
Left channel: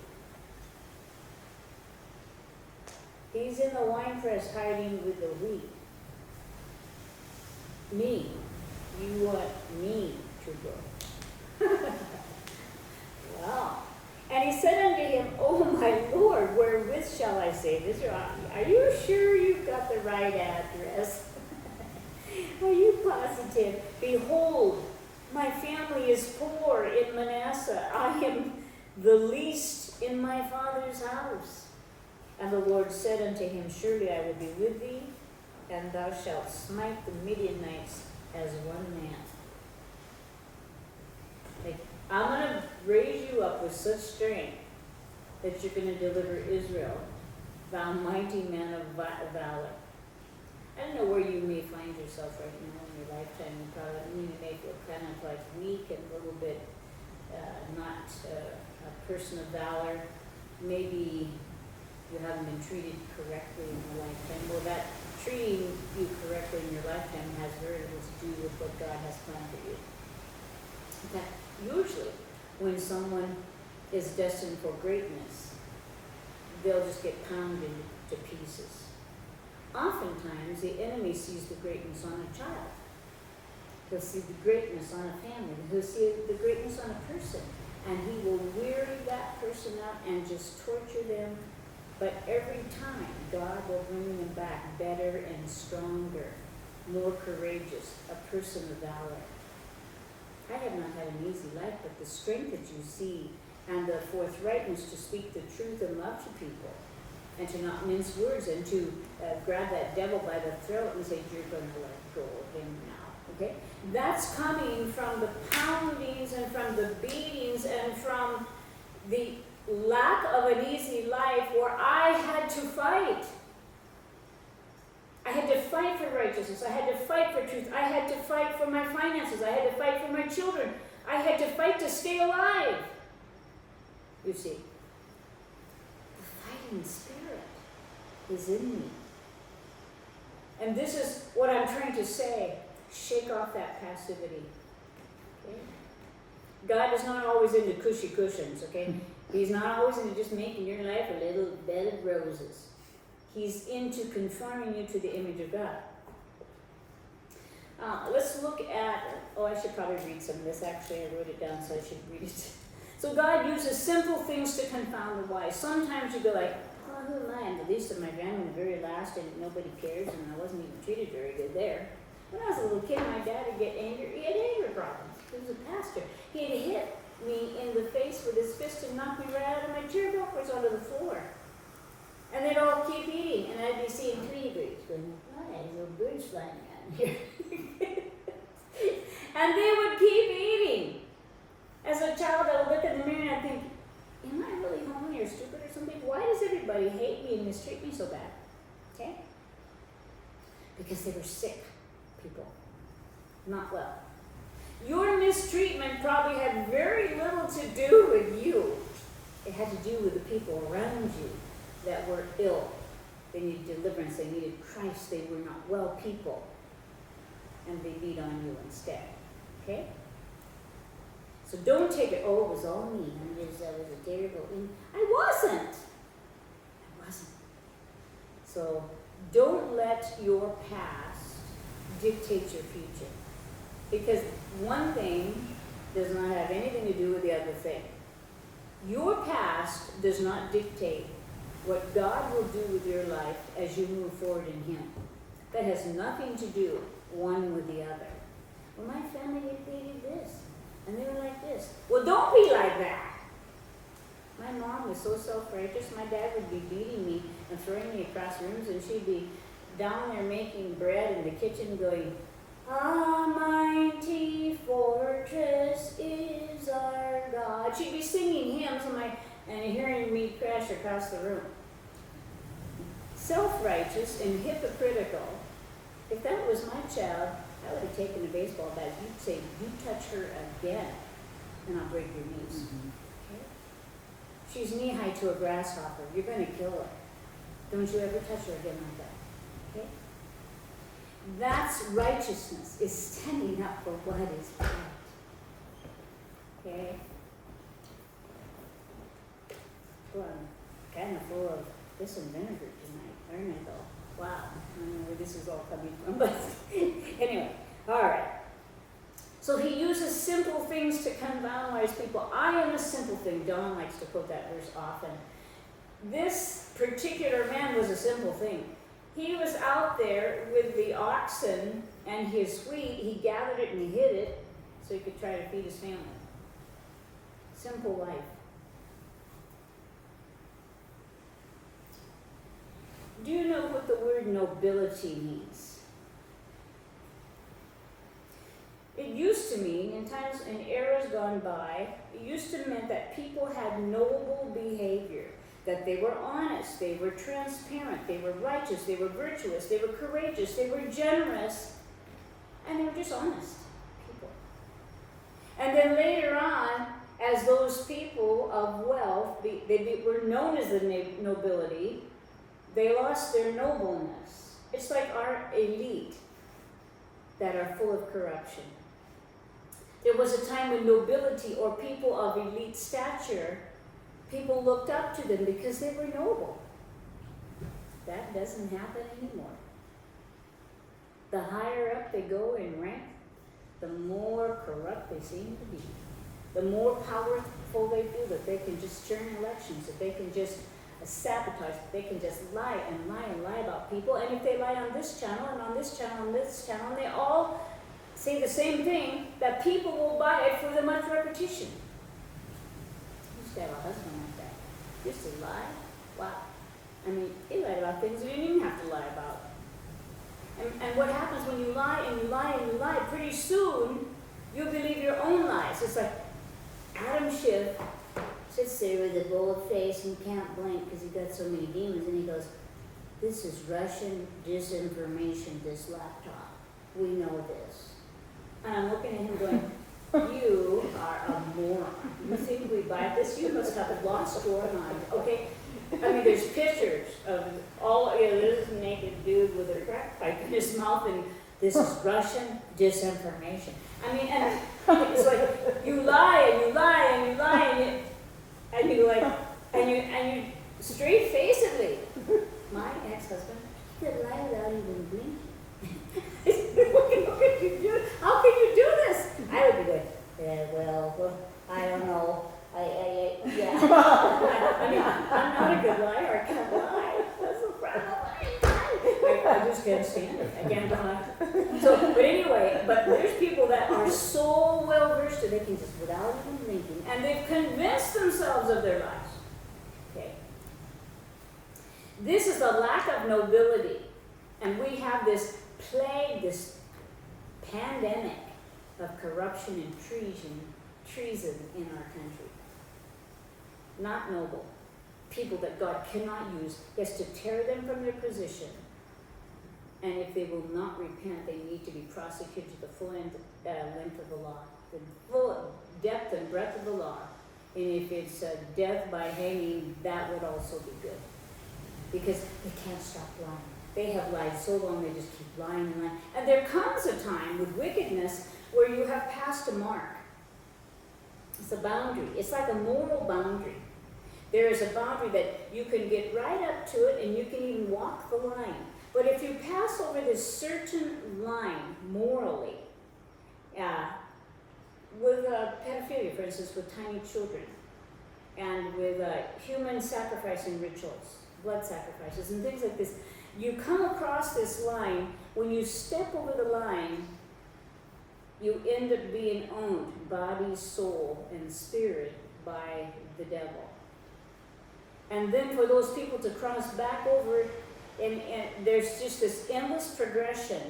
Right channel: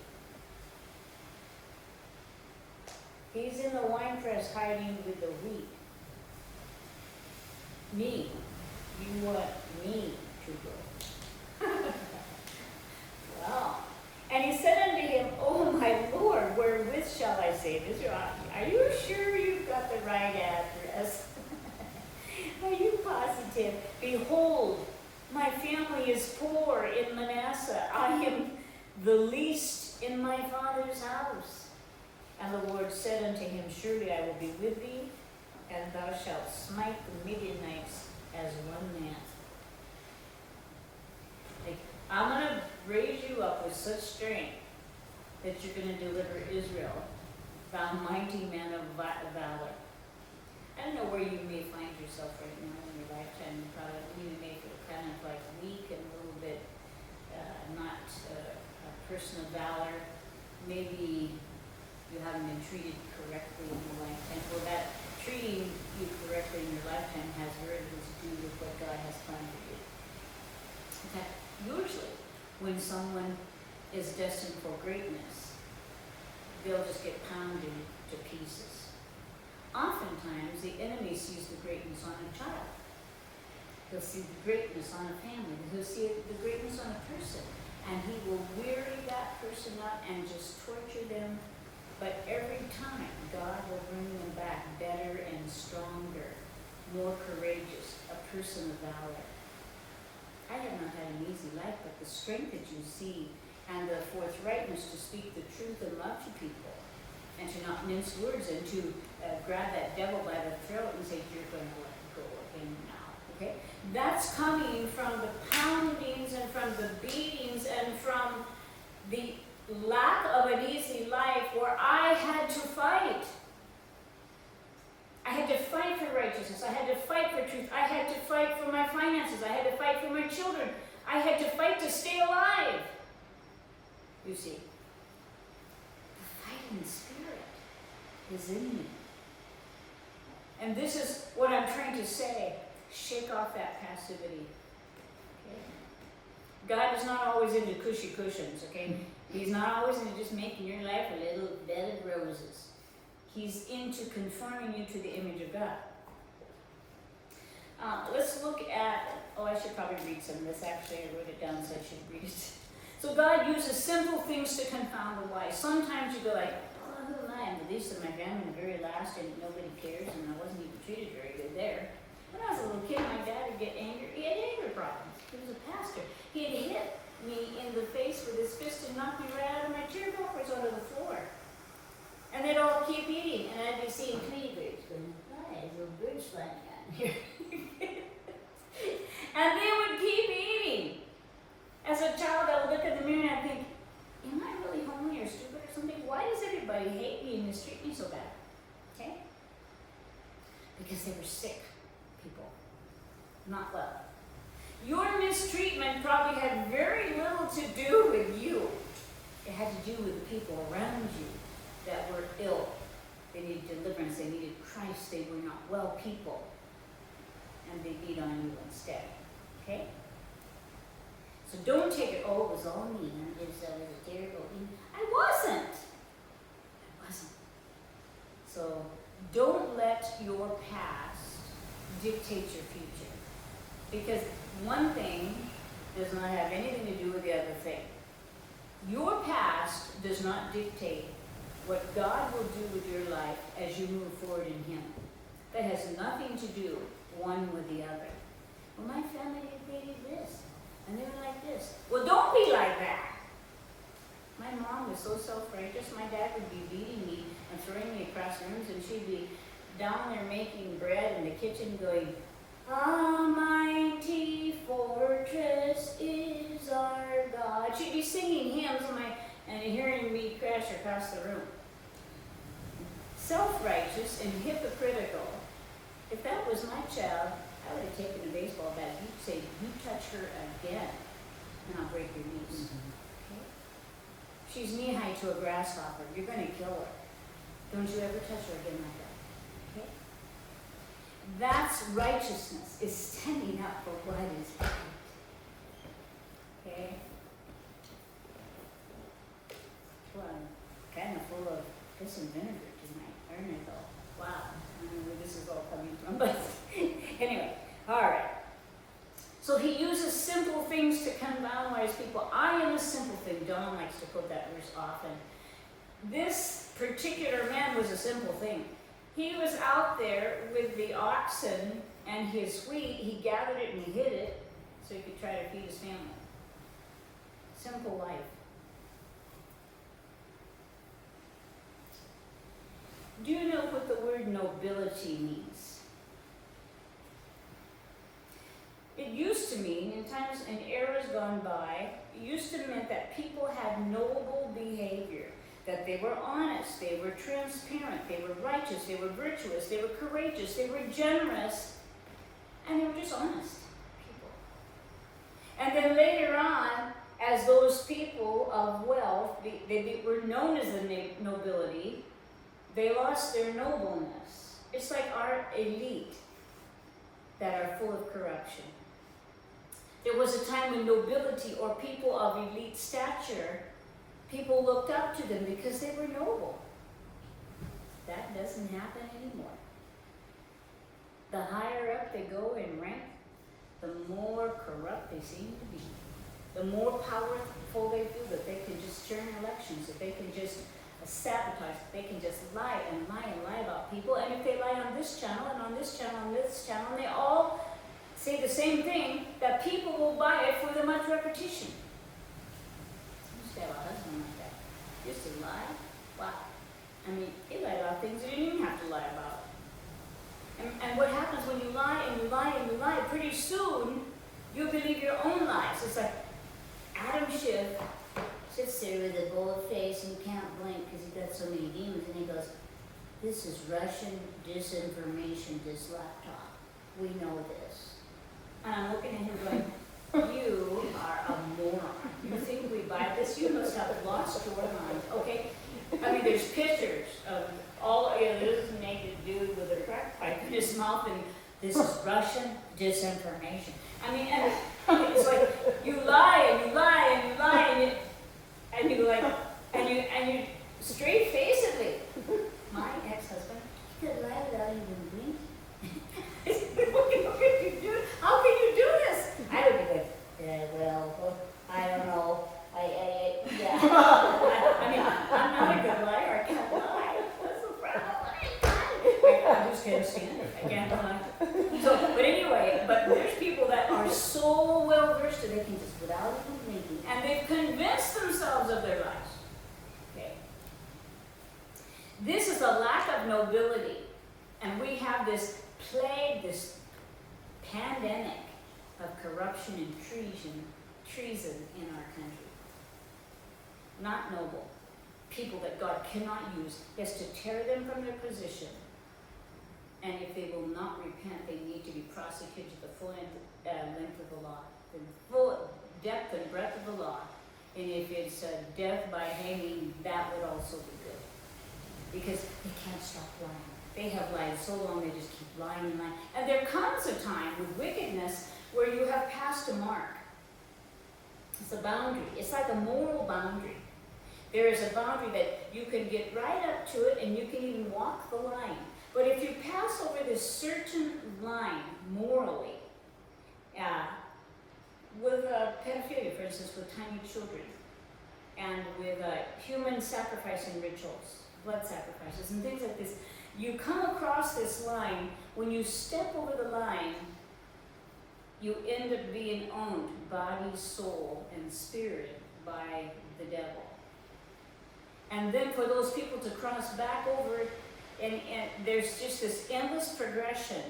He's in the winepress hiding with the wheat. Me. You want me to go. Well, and he said unto him, O my Lord, wherewith shall I save Israel? Are you sure you've got the right address? Are you positive? Behold, my family is poor in Manasseh. I am the least in my father's house. And the Lord said unto him, Surely I will be with thee, and thou shalt smite the Midianites as one man. Like, I'm going to raise you up with such strength that you're going to deliver Israel, thou mighty man of valor. I don't know where you may find yourself right now in your lifetime. You may feel kind of like weak and a little bit not a person of valor. Maybe you haven't been treated correctly in your lifetime. Well, that treating you correctly in your lifetime has very little to do with what God has planned for you. In fact, usually when someone is destined for greatness, they'll just get pounded to pieces. Oftentimes, the enemy sees the greatness on a child. He'll see the greatness on a family. He'll see the greatness on a person. And he will weary that person out and just torture them. But every time, God will bring them back better and stronger, more courageous, a person of valor. I have not had an easy life, but the strength that you see and the forthrightness to speak the truth and love to people, and to not mince words, and to grab that devil by the throat and say, you're going to let go of him now, okay? That's coming from the poundings and from the beatings and from the lack of an easy life where I had to fight. I had to fight for righteousness. I had to fight for truth. I had to fight for my finances. I had to fight for my children. I had to fight to stay alive. You see, the fighting spirit is in me. And this is what I'm trying to say. Shake off that passivity. Okay? God is not always into cushy cushions, okay? He's not always into just making your life a little bed of roses. He's into conforming you to the image of God. Let's look at, I should probably read some of this. Actually, I wrote it down, so I should read it. So God uses simple things to confound the wise. Sometimes you go like, oh, who am I? I'm the least of my family, the very last, and nobody cares, and I wasn't even treated very good there. When I was a little kid, my dad would get angry. He had anger problems. He was a pastor. He'd hit me in the face with his fist and knock me right out of my chair backwards onto the floor. And they'd all keep eating, and I'd be seeing tiny birds going, hi, little birds flying around here. And they would keep eating. As a child, I would look in the mirror and I'd think, am I really homely or stupid or something? Why does everybody hate me and mistreat me so bad? Okay? Because they were sick people, not well. Your mistreatment probably had very little to do with you. It had to do with the people around you that were ill. They needed deliverance. They needed Christ. They were not well people. And they beat on you instead. Okay? So don't take it, oh, it was all me. I was a terrible thing. I wasn't. So don't let your past dictate your future. Because one thing does not have anything to do with the other thing. Your past does not dictate what God will do with your life as you move forward in Him. That has nothing to do one with the other. Well, my family, they did this, and they were like this. Well, don't be like that. My mom was so self-righteous. My dad would be beating me and throwing me across rooms, and she'd be down there making bread in the kitchen going, "A mighty fortress is our God." She'd be singing hymns and hearing me crash across the room. Self-righteous and hypocritical. If that was my child, I would have taken a baseball bat. You'd say, "You touch her again, and I'll break your knees." Okay? She's knee-high to a grasshopper. You're going to kill her. Don't you ever touch her again like that. Okay? That's righteousness, is standing up for what is right. Okay? Well, I'm kind of full of this and vinegar tonight. Aren't I though? Wow. I don't know where this is all coming from, but anyway, all right. So he uses simple things to confound wise people. I am a simple thing. Don likes to quote that verse often. This particular man was a simple thing. He was out there with the oxen and his wheat. He gathered it and he hid it so he could try to feed his family. Simple life. word nobility means. It used to mean, in times and eras gone by, it used to mean that people had noble behavior, that they were honest, they were transparent, they were righteous, they were virtuous, they were courageous, they were generous, and they were just honest people. And then later on, as those people of wealth, they were known as the nobility, they lost their nobleness. It's like our elite that are full of corruption. There was a time when nobility, or people of elite stature, people looked up to them because they were noble. That doesn't happen anymore. The higher up they go in rank, the more corrupt they seem to be. The more powerful they feel, that they can just turn elections, that they can just sabotage, that they can just lie and lie and lie about people. And if they lie on this channel and on this channel and this channel, and they all say the same thing, that people will buy it for the much repetition. Used to have a husband like that. Used to lie. Wow. I mean, he lied about things you didn't even have to lie about. And what happens when you lie and you lie and you lie, pretty soon you believe your own lies. It's like Adam Schiff sits there with a bold face and can't blink because he got so many demons, and he goes, "This is Russian disinformation, this laptop. We know this." And I'm looking at him going, "You are a moron. You think we buy this? You must have lost your mind." Okay? I mean, there's pictures of this naked dude with a crack pipe in his mouth, and this is Russian disinformation. I mean, and it's like you lie and you lie and you lie and you straight facedly. My ex-husband, he could lie without even blinking. What can you do? How can you do this? I would be like, well, I don't know. Yeah. I mean, I'm not a good liar. I can't lie. That's the problem. I just can't stand it. I can't lie. So, but anyway, but there's people that are so well versed that they can just, without even thinking, and they've convinced themselves of their lies. Okay. This is a lack of nobility, and we have this plague, this pandemic of corruption and treason in our country. Not noble. People that God cannot use. He has to tear them from their position. And if they will not repent, they need to be prosecuted to the full length of the law. The full depth and breadth of the law. And if it's death by hanging, that would also be good. Because they can't stop lying. They have lied so long, they just keep lying and lying. And there comes a time with wickedness where you have passed a mark. It's a boundary. It's like a moral boundary. There is a boundary that you can get right up to it and you can even walk the line. But if you pass over this certain line morally, with pedophilia, for instance, with tiny children, and with human sacrificing rituals, blood sacrifices, and things like this, you come across this line. When you step over the line, you end up being owned, body, soul, and spirit, by the devil. And then for those people to cross back over, and there's just this endless progression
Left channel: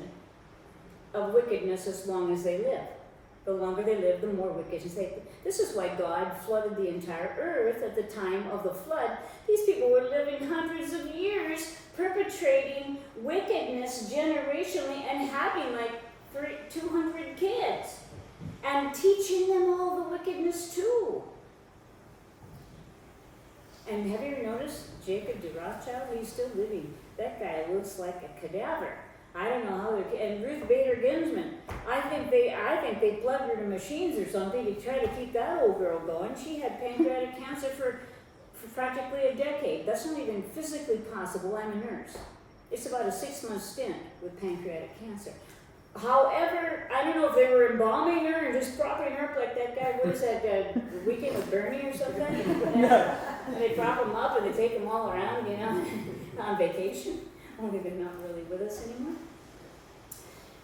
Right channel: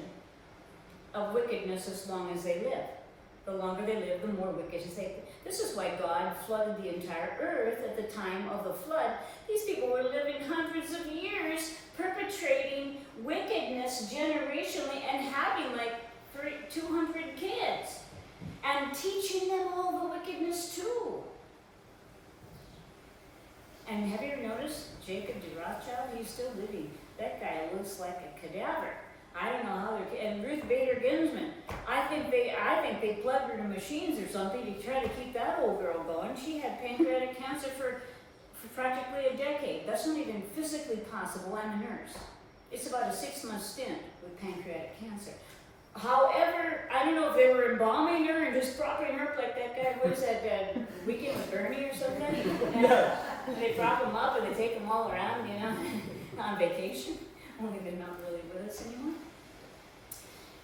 of wickedness as long as they live. The longer they live, the more wickedness they. This is why God flooded the entire earth at the time of the flood. These people were living hundreds of years, perpetrating wickedness generationally and having like 200 kids, and teaching them all the wickedness too. And have you ever noticed Jacob de Rothschild? He's still living. That guy looks like a cadaver. I don't know how they're. And Ruth Bader Ginsburg, I think they plugged her to machines or something to try to keep that old girl going. She had pancreatic cancer for practically a decade. That's not even physically possible. I'm a nurse. It's about a 6-month stint with pancreatic cancer. However, I don't know if they were embalming her and just propping her up like that guy. What is that? Weekend with Bernie or something? And they prop them up and they take them all around, on vacation. Only they're not really with us anymore.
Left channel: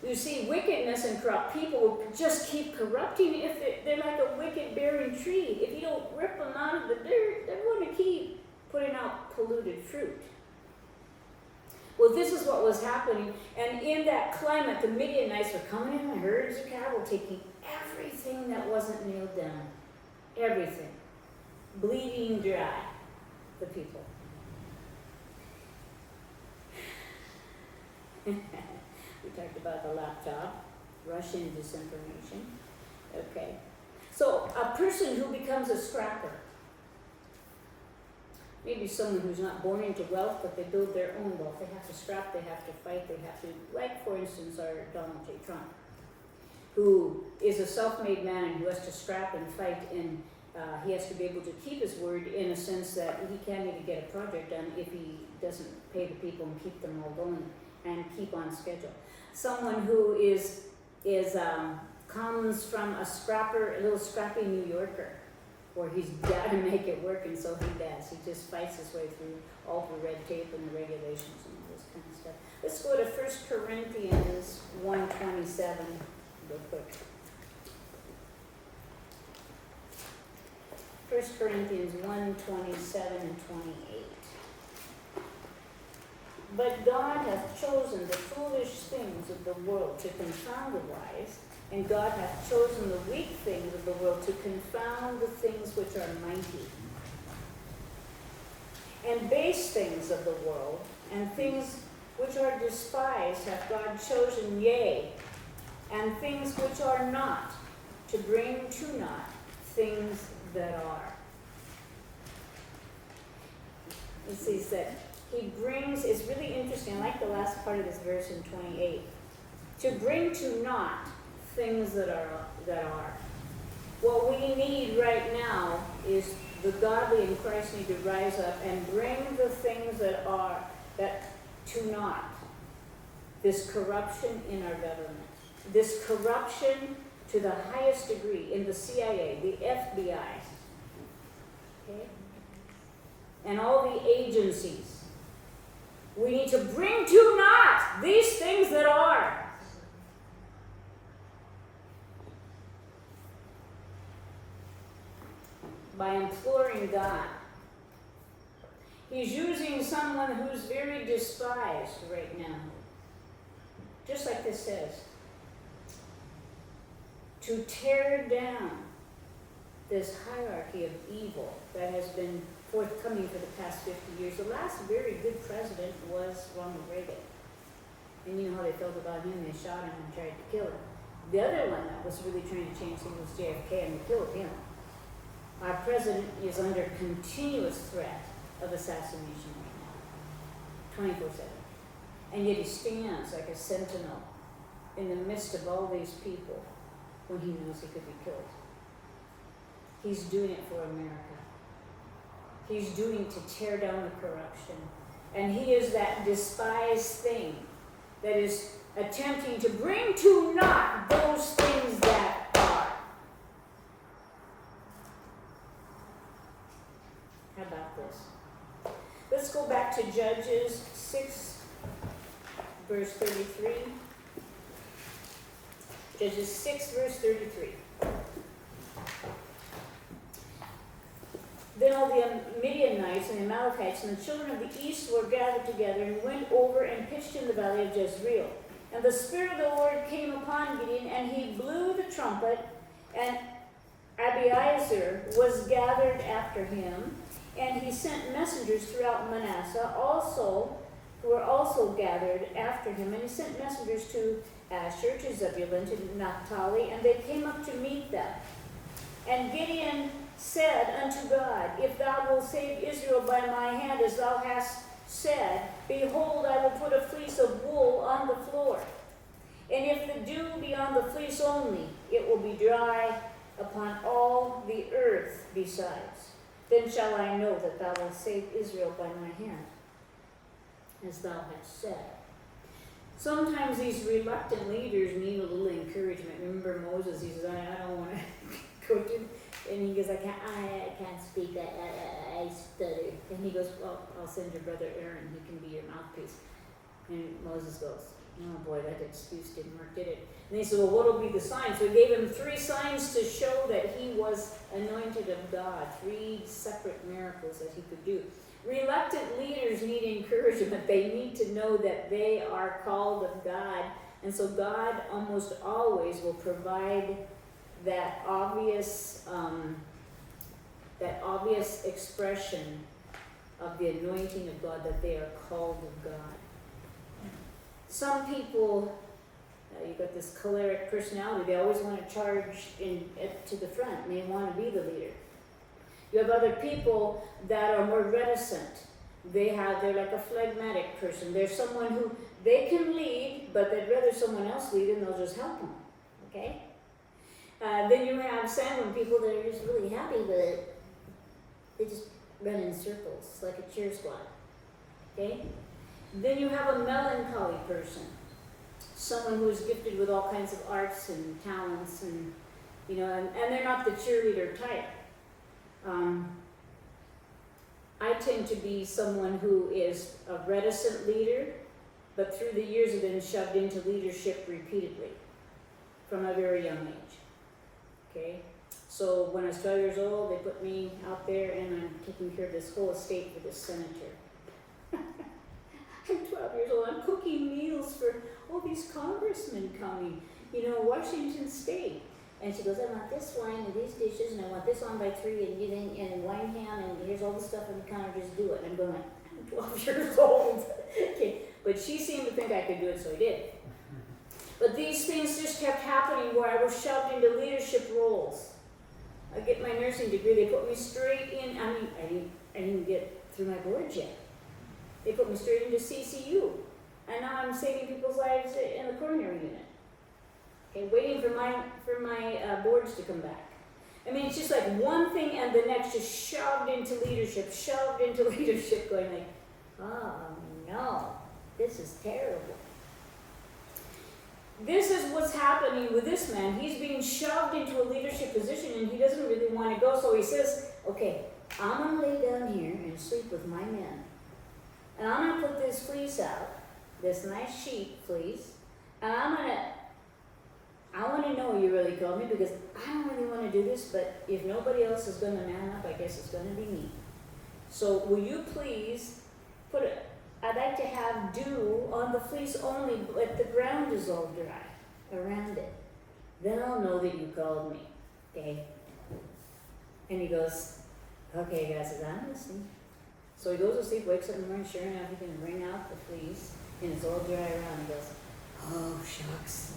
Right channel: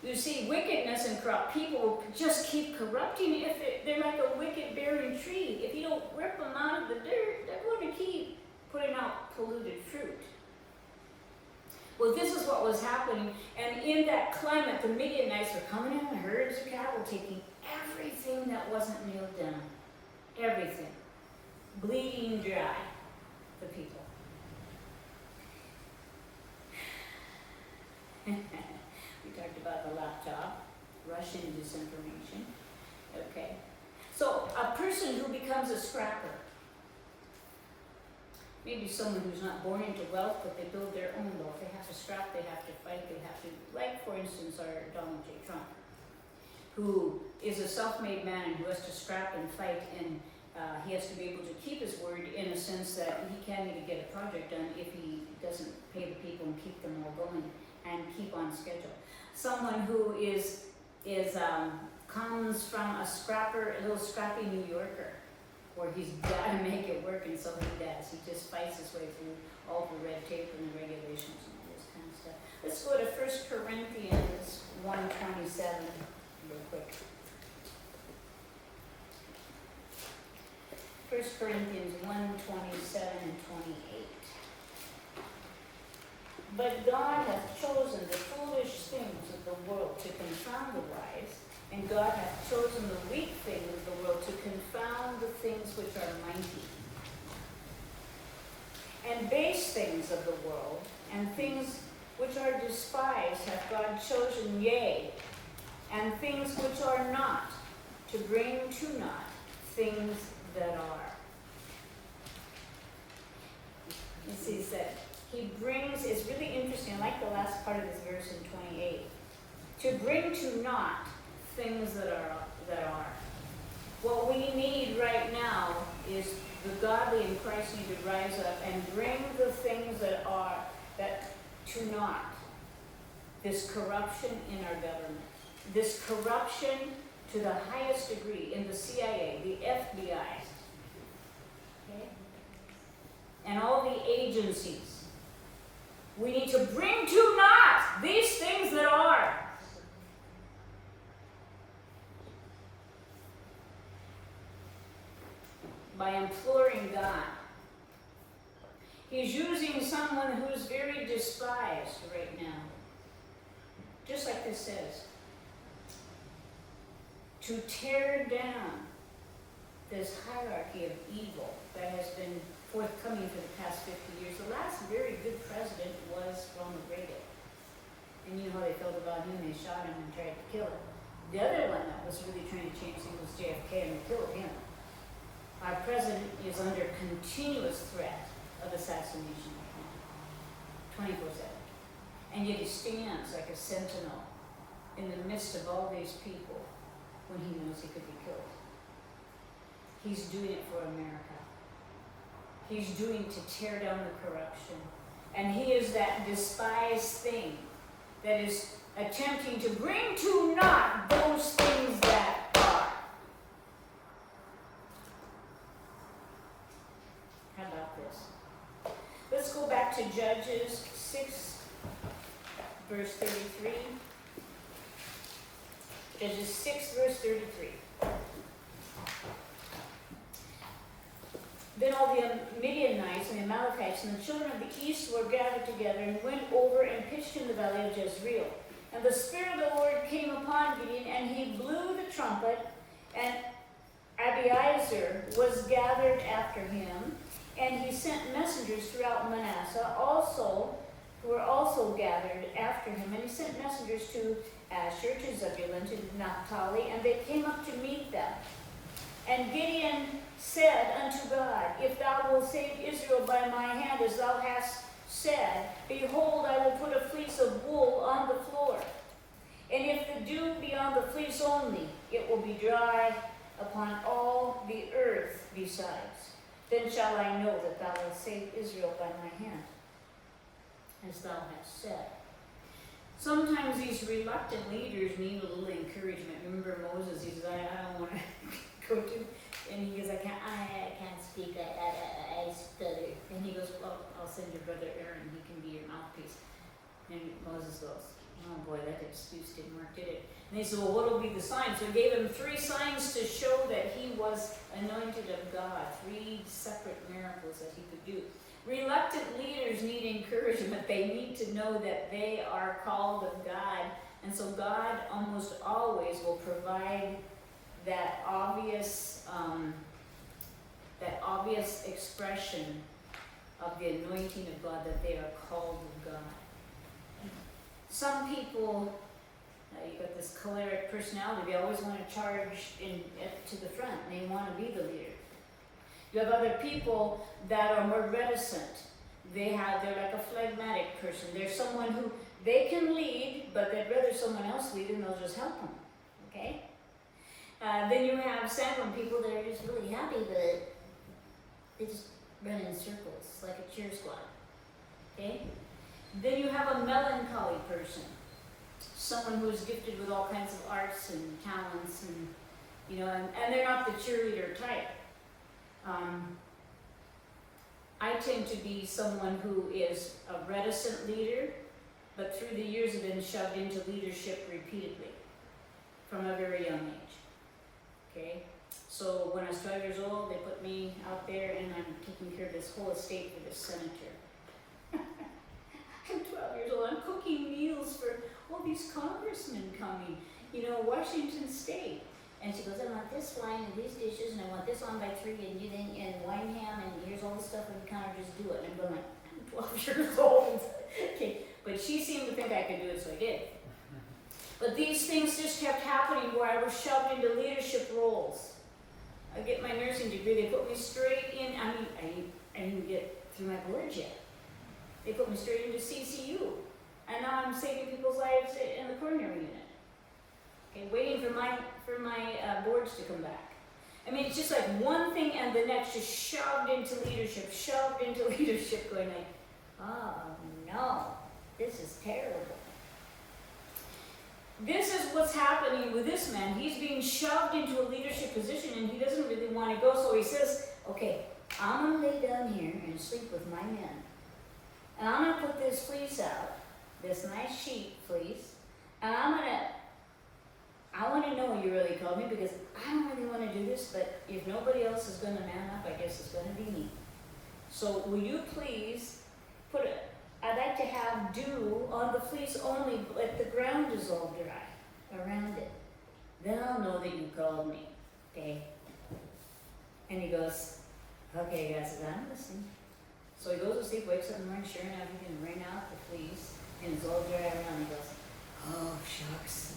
You see, wickedness and corrupt people will just keep corrupting. If they're like a wicked bearing tree. If you don't rip them out of the dirt, they're going to keep putting out polluted fruit. Well, this is what was happening. And in that climate, the Midianites were coming in herds of cattle, taking everything that wasn't nailed down. Everything. Bleeding dry, the people. We talked about the laptop, Russian disinformation. Okay. So, a person who becomes a scrapper, maybe someone who's not born into wealth, but they build their own wealth. They have to scrap, they have to fight, they have to, like for instance our Donald J. Trump, who is a self-made man and who has to scrap and fight, and he has to be able to keep his word in a sense that he can't even get a project done if he doesn't pay the people and keep them all going and keep on schedule. Someone who comes from a scrapper, a little scrappy New Yorker, where he's got to make it work, and so he does. He just fights his way through all the red tape and the regulations and all this kind of stuff. Let's go to 1 Corinthians 1:27 real quick. 1 Corinthians 1:27 and 28. But God hath chosen the foolish things of the world to confound the wise, and God hath chosen the weak things of the world to confound the things which are mighty. And base things of the world, and things which are despised, hath God chosen, yea, and things which are not, to bring to naught things that are. It says that he brings, it's really interesting, I like the last part of this verse in 28. To bring to naught things that are. What we need right now is the godly in Christ need to rise up and bring the things that are, that to naught. This corruption in our government. This corruption to the highest degree in the CIA, the FBI. Okay? And all the agencies. We need to bring to naught these things that are. By imploring God. He's using someone who's very despised right now. Just like this says. To tear down this hierarchy of evil that has been forthcoming for the past 50 years. The last very good president was Ronald Reagan. And you know how they felt about him. They shot him and tried to kill him. The other one that was really trying to change things was JFK, and they killed him. Our president is under continuous threat of assassination right now, 24/7. And yet he stands like a sentinel in the midst of all these people when he knows he could be killed. He's doing it for America. He's doing to tear down the corruption. And he is that despised thing that is attempting to bring to naught those things that are. How about this? Let's go back to Judges 6, verse 33. Judges 6, verse 33. Then all the Midianites and the Amalekites and the children of the east were gathered together and went over and pitched in the valley of Jezreel. And the Spirit of the Lord came upon Gideon, and he blew the trumpet, and Abiezer was gathered after him, and he sent messengers throughout Manasseh also, who were also gathered after him, and he sent messengers to Asher, to Zebulun, to Naphtali, and they came up to meet them. And Gideon said unto God, If thou wilt save Israel by my hand, as thou hast said, behold, I will put a fleece of wool on the floor. And if the dew be on the fleece only, it will be dry upon all the earth besides. Then shall I know that thou wilt save Israel by my hand, as thou hast said. Sometimes these reluctant leaders need a little encouragement. Remember Moses, he says, I don't want to go to, and he goes, I can't speak, I stutter. And he goes, well, I'll send your brother Aaron, he can be your mouthpiece. And Moses goes, oh boy, that excuse didn't work, did it? And they said, well, what will be the sign? So he gave him 3 signs to show that he was anointed of God, 3 separate miracles that he could do. Reluctant leaders need encouragement. They need to know that they are called of God. And so God almost always will provide that obvious expression of the anointing of God, that they are called of God. Some people, you got this choleric personality, they always want to charge to the front, and they want to be the leader. You have other people that are more reticent. They're like a phlegmatic person. They're someone who, they can lead, but they'd rather someone else lead and they'll just help them, okay? Then you have sanguine people that are just really happy with it. They just run in circles, like a cheer squad, okay? Then you have a melancholy person. Someone who is gifted with all kinds of arts and talents, and and they're not the cheerleader type. I tend to be someone who is a reticent leader, but through the years have been shoved into leadership repeatedly from a very young age. Okay? So when I was 12 years old, they put me out there, and I'm taking care of this whole estate for this senator. I'm 12 years old. I'm cooking meals for all these congressmen coming, Washington State. And she goes, I want this wine and these dishes, and I want this on by 3, and wine ham, and here's all the stuff on the counter, just do it. And I'm going, I'm 12 years old. Okay. But she seemed to think I could do it, so I did. But these things just kept happening where I was shoved into leadership roles. I get my nursing degree, they put me straight in, I didn't get through my boards yet. They put me straight into CCU. And now I'm saving people's lives in the coronary unit. Okay, waiting for my boards to come back. I mean, it's just like one thing and the next, just shoved into leadership, going like, oh no, this is terrible. This is what's happening with this man. He's being shoved into a leadership position and he doesn't really want to go, so he says, okay, I'm going to lay down here and sleep with my men. And I'm going to put this fleece out, this nice sheet fleece, and I want to know you really called me, because I don't really want to do this, but if nobody else is going to man up, I guess it's going to be me. So will you please I'd like to have dew on the fleece only, let the ground is all dry around it. Then I'll know that you called me, okay? And he goes, okay, God says, I'm listening. So he goes to sleep, wakes up in the morning, sure enough, he's going to wring out the fleece, and it's all dry around. He goes, oh, shucks.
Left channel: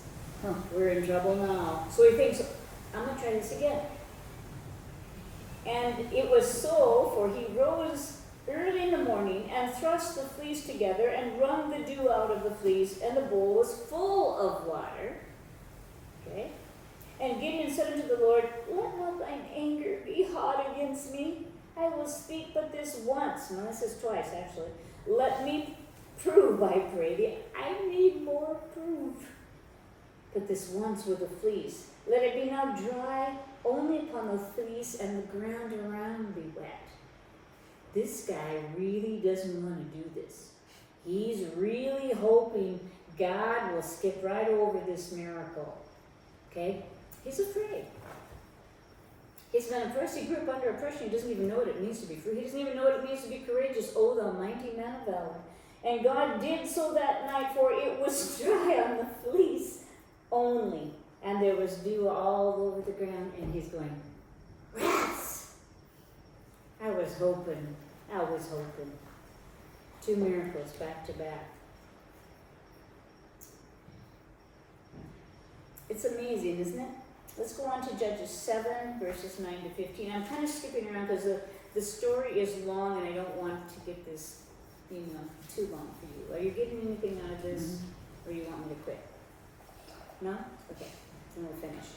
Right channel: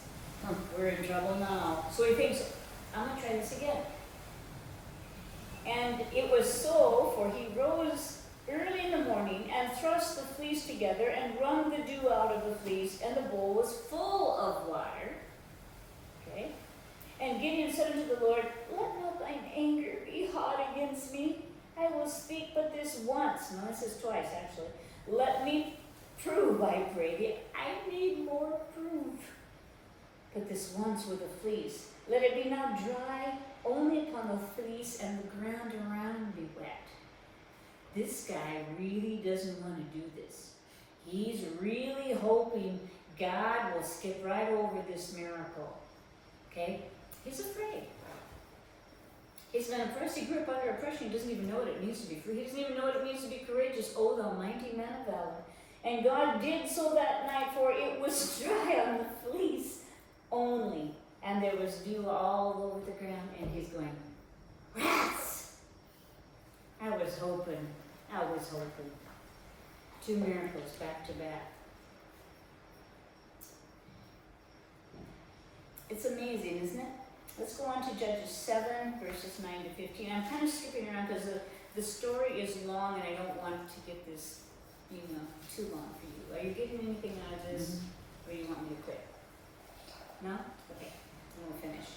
We're in trouble now. So he thinks, I'm going to try this again. And it was so, for he rose early in the morning and thrust the fleece together and wrung the dew out of the fleece, and the bowl was full of water. Okay? And Gideon said unto the Lord, let not thine anger be hot against me. I will speak but this once. No, this is twice, actually. Let me prove, I pray thee. I need more proof. But this once with the fleece. Let it be now dry only upon the fleece, and the ground around be wet. This guy really doesn't want to do this. He's really hoping God will skip right over this miracle. Okay? He's afraid. He's going to first, he grew up under oppression. He doesn't even know what it means to be free. He doesn't even know what it means to be courageous. Oh, the mighty man of valor. And God did so that night, for it was dry on the fleece only, and there was dew all over the ground, and he's going, rats! I was hoping. 2 miracles back to back. It's amazing, isn't it? Let's go on to Judges 7, verses 9 to 15. I'm kind of skipping around because the story is long, and I don't want to get this, too long for you. Are you getting anything out of this, or you want me to quit? No? Okay, then we'll finish.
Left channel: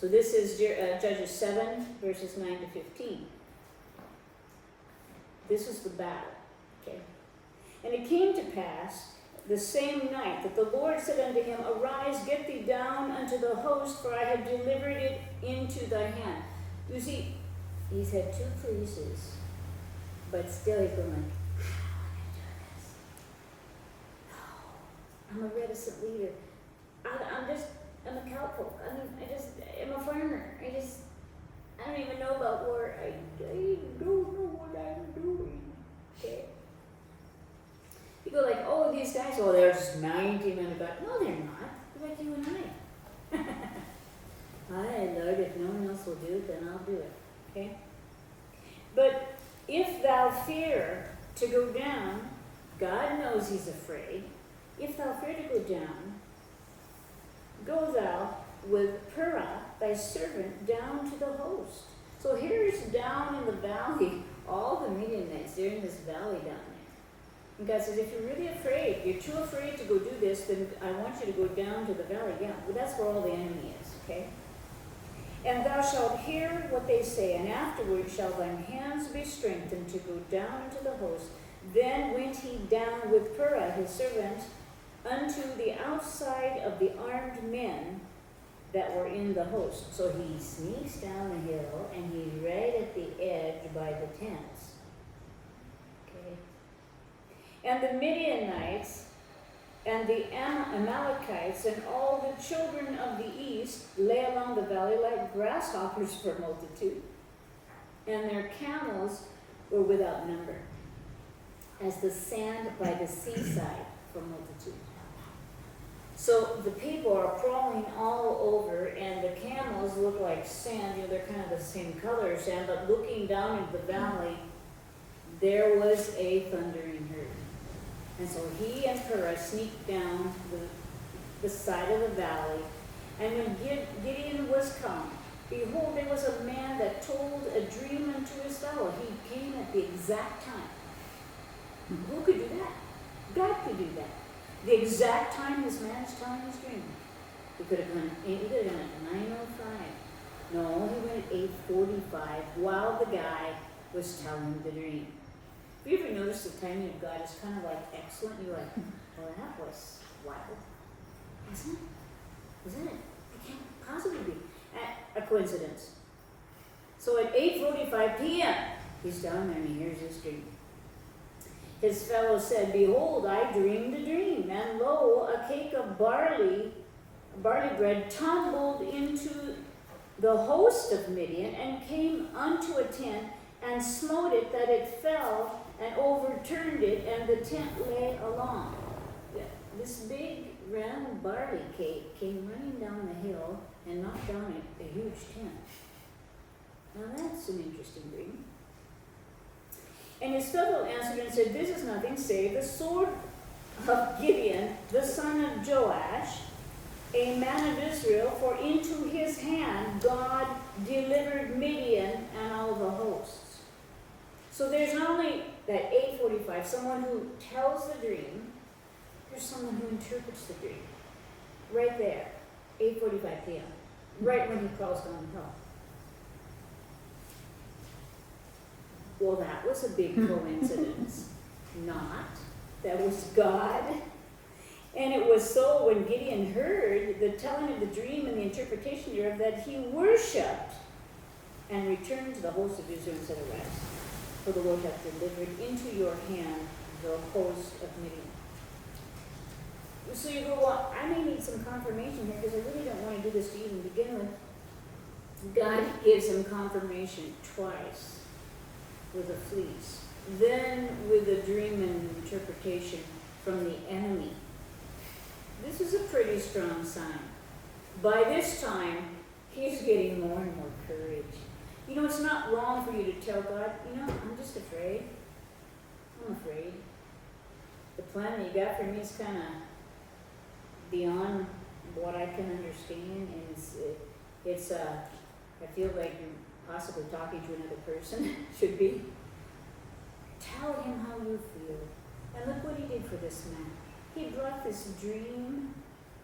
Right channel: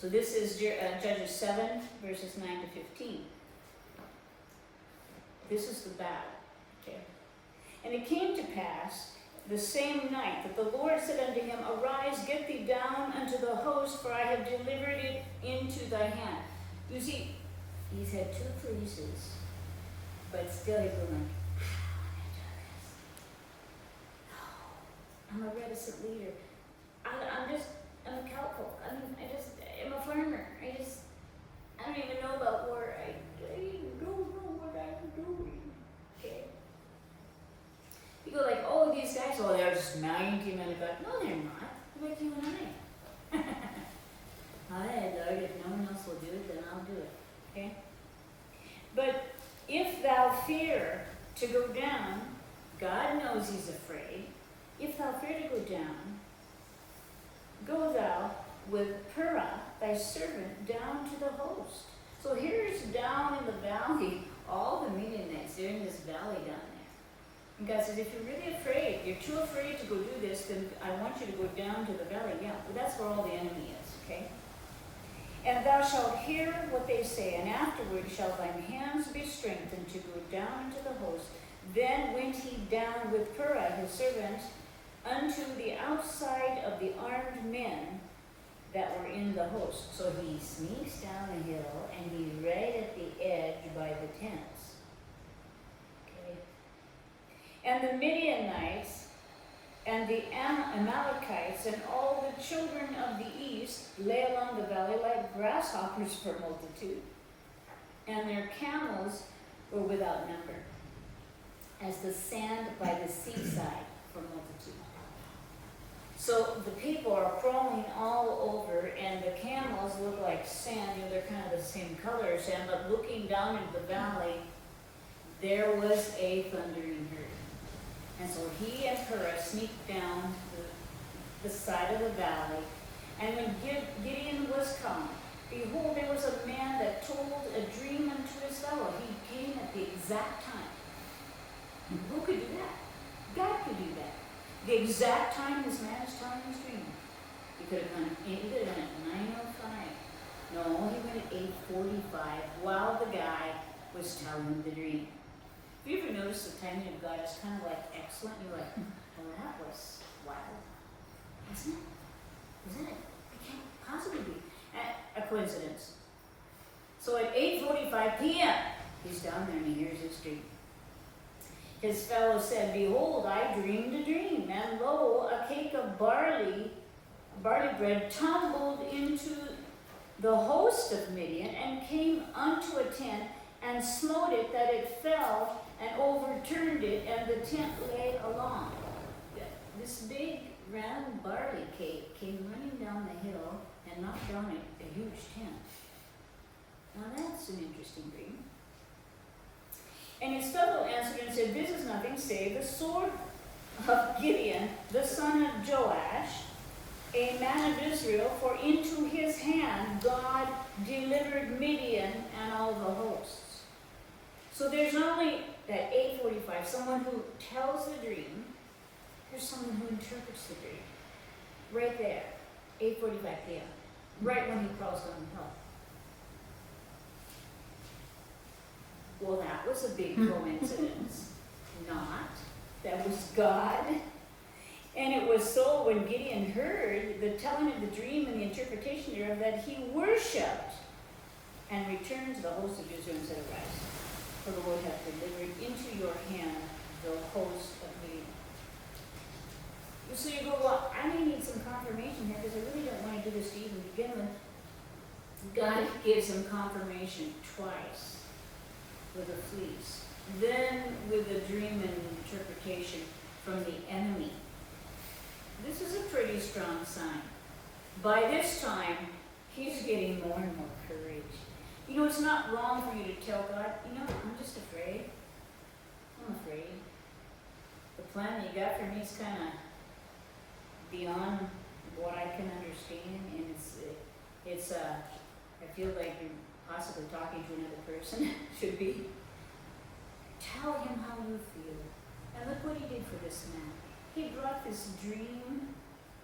So this is Judges 7, verses 9 to 15. This is the battle, okay? And it came to pass the same night that the Lord said unto him, arise, get thee down unto the host, for I have delivered it into thy hand. You see, he's had 2 fleeces, but still he's going, I'm a reticent leader. I'm a cowpoke. I'm a farmer. I don't even know about war. I don't know what I'm do it. Okay? But if thou fear to go down, God knows he's afraid. If thou fear to go down, go thou with Purah, thy servant, down to the host. So here's down in the valley, all the Midianites, they're in this valley down there. And God says, if you're really afraid, you're too afraid to go do this, then I want you to go down to the valley. Yeah, but that's where all the enemy is, okay? And thou shalt hear what they say, and afterward shall thine hands be strengthened to go down to the host. Then went he down with Purah his servant unto the outside of the armed men that were in the host. So he sneaks down the hill, and he's right at the edge by the tents. Okay? And the Midianites and the Amalekites and all the children of the east lay along the valley like grasshoppers for multitude, and their camels were without number, as the sand by the seaside for multitude. So the people are crawling all over, and the camels look like sand. You know, they're kind of the same colors. And but looking down into the valley, there was a thundering herd. And so he and Purah sneaked down the side of the valley. And when Gideon was come, behold, there was a man that told a dream unto his fellow. He came at the exact time. Who could do that? God could do that. The exact time this man is telling his dream. He could have gone at 9:05. No, he went at 8:45 while the guy was telling the dream. Have you ever noticed the timing of God is kind of like excellent? You're like, well, that was wild. Isn't it? Isn't it? It can't possibly be a coincidence. So at 8:45 p.m., he's down there and he hears his dream. His fellow said, behold, I dreamed a dream, and lo, a cake of barley bread, tumbled into the host of Midian, and came unto a tent, and smote it, that it fell, and overturned it, and the tent lay along. This big round barley cake came running down the hill, and knocked down a huge tent. Now that's an interesting dream. And his fellow answered and said, this is nothing save the sword of Gideon, the son of Joash, a man of Israel, for into his hand God delivered Midian and all the hosts. So there's not only that 8:45, someone who tells the dream, there's someone who interprets the dream. Right there, 8:45 p.m., right when he crawls down the hill. Well, that was a big coincidence. Not. That was God. And it was so when Gideon heard the telling of the dream and the interpretation thereof that he worshipped and returned to the host of Israel and said, arise, for the Lord hath delivered into your hand the host of Midian. So you go, well, I may need some confirmation here because I really don't want to do this to even begin with. God gives him confirmation twice. With a fleece, then with a dream and an interpretation from the enemy. This is a pretty strong sign. By this time, he's getting more and more courage. You know, it's not wrong for you to tell God, you know, I'm just afraid. I'm afraid. The plan that you got for me is kind of beyond what I can understand, and it's I feel like you're possibly talking to another person, should be. Tell him how you feel. And look what he did for this man. He brought this dream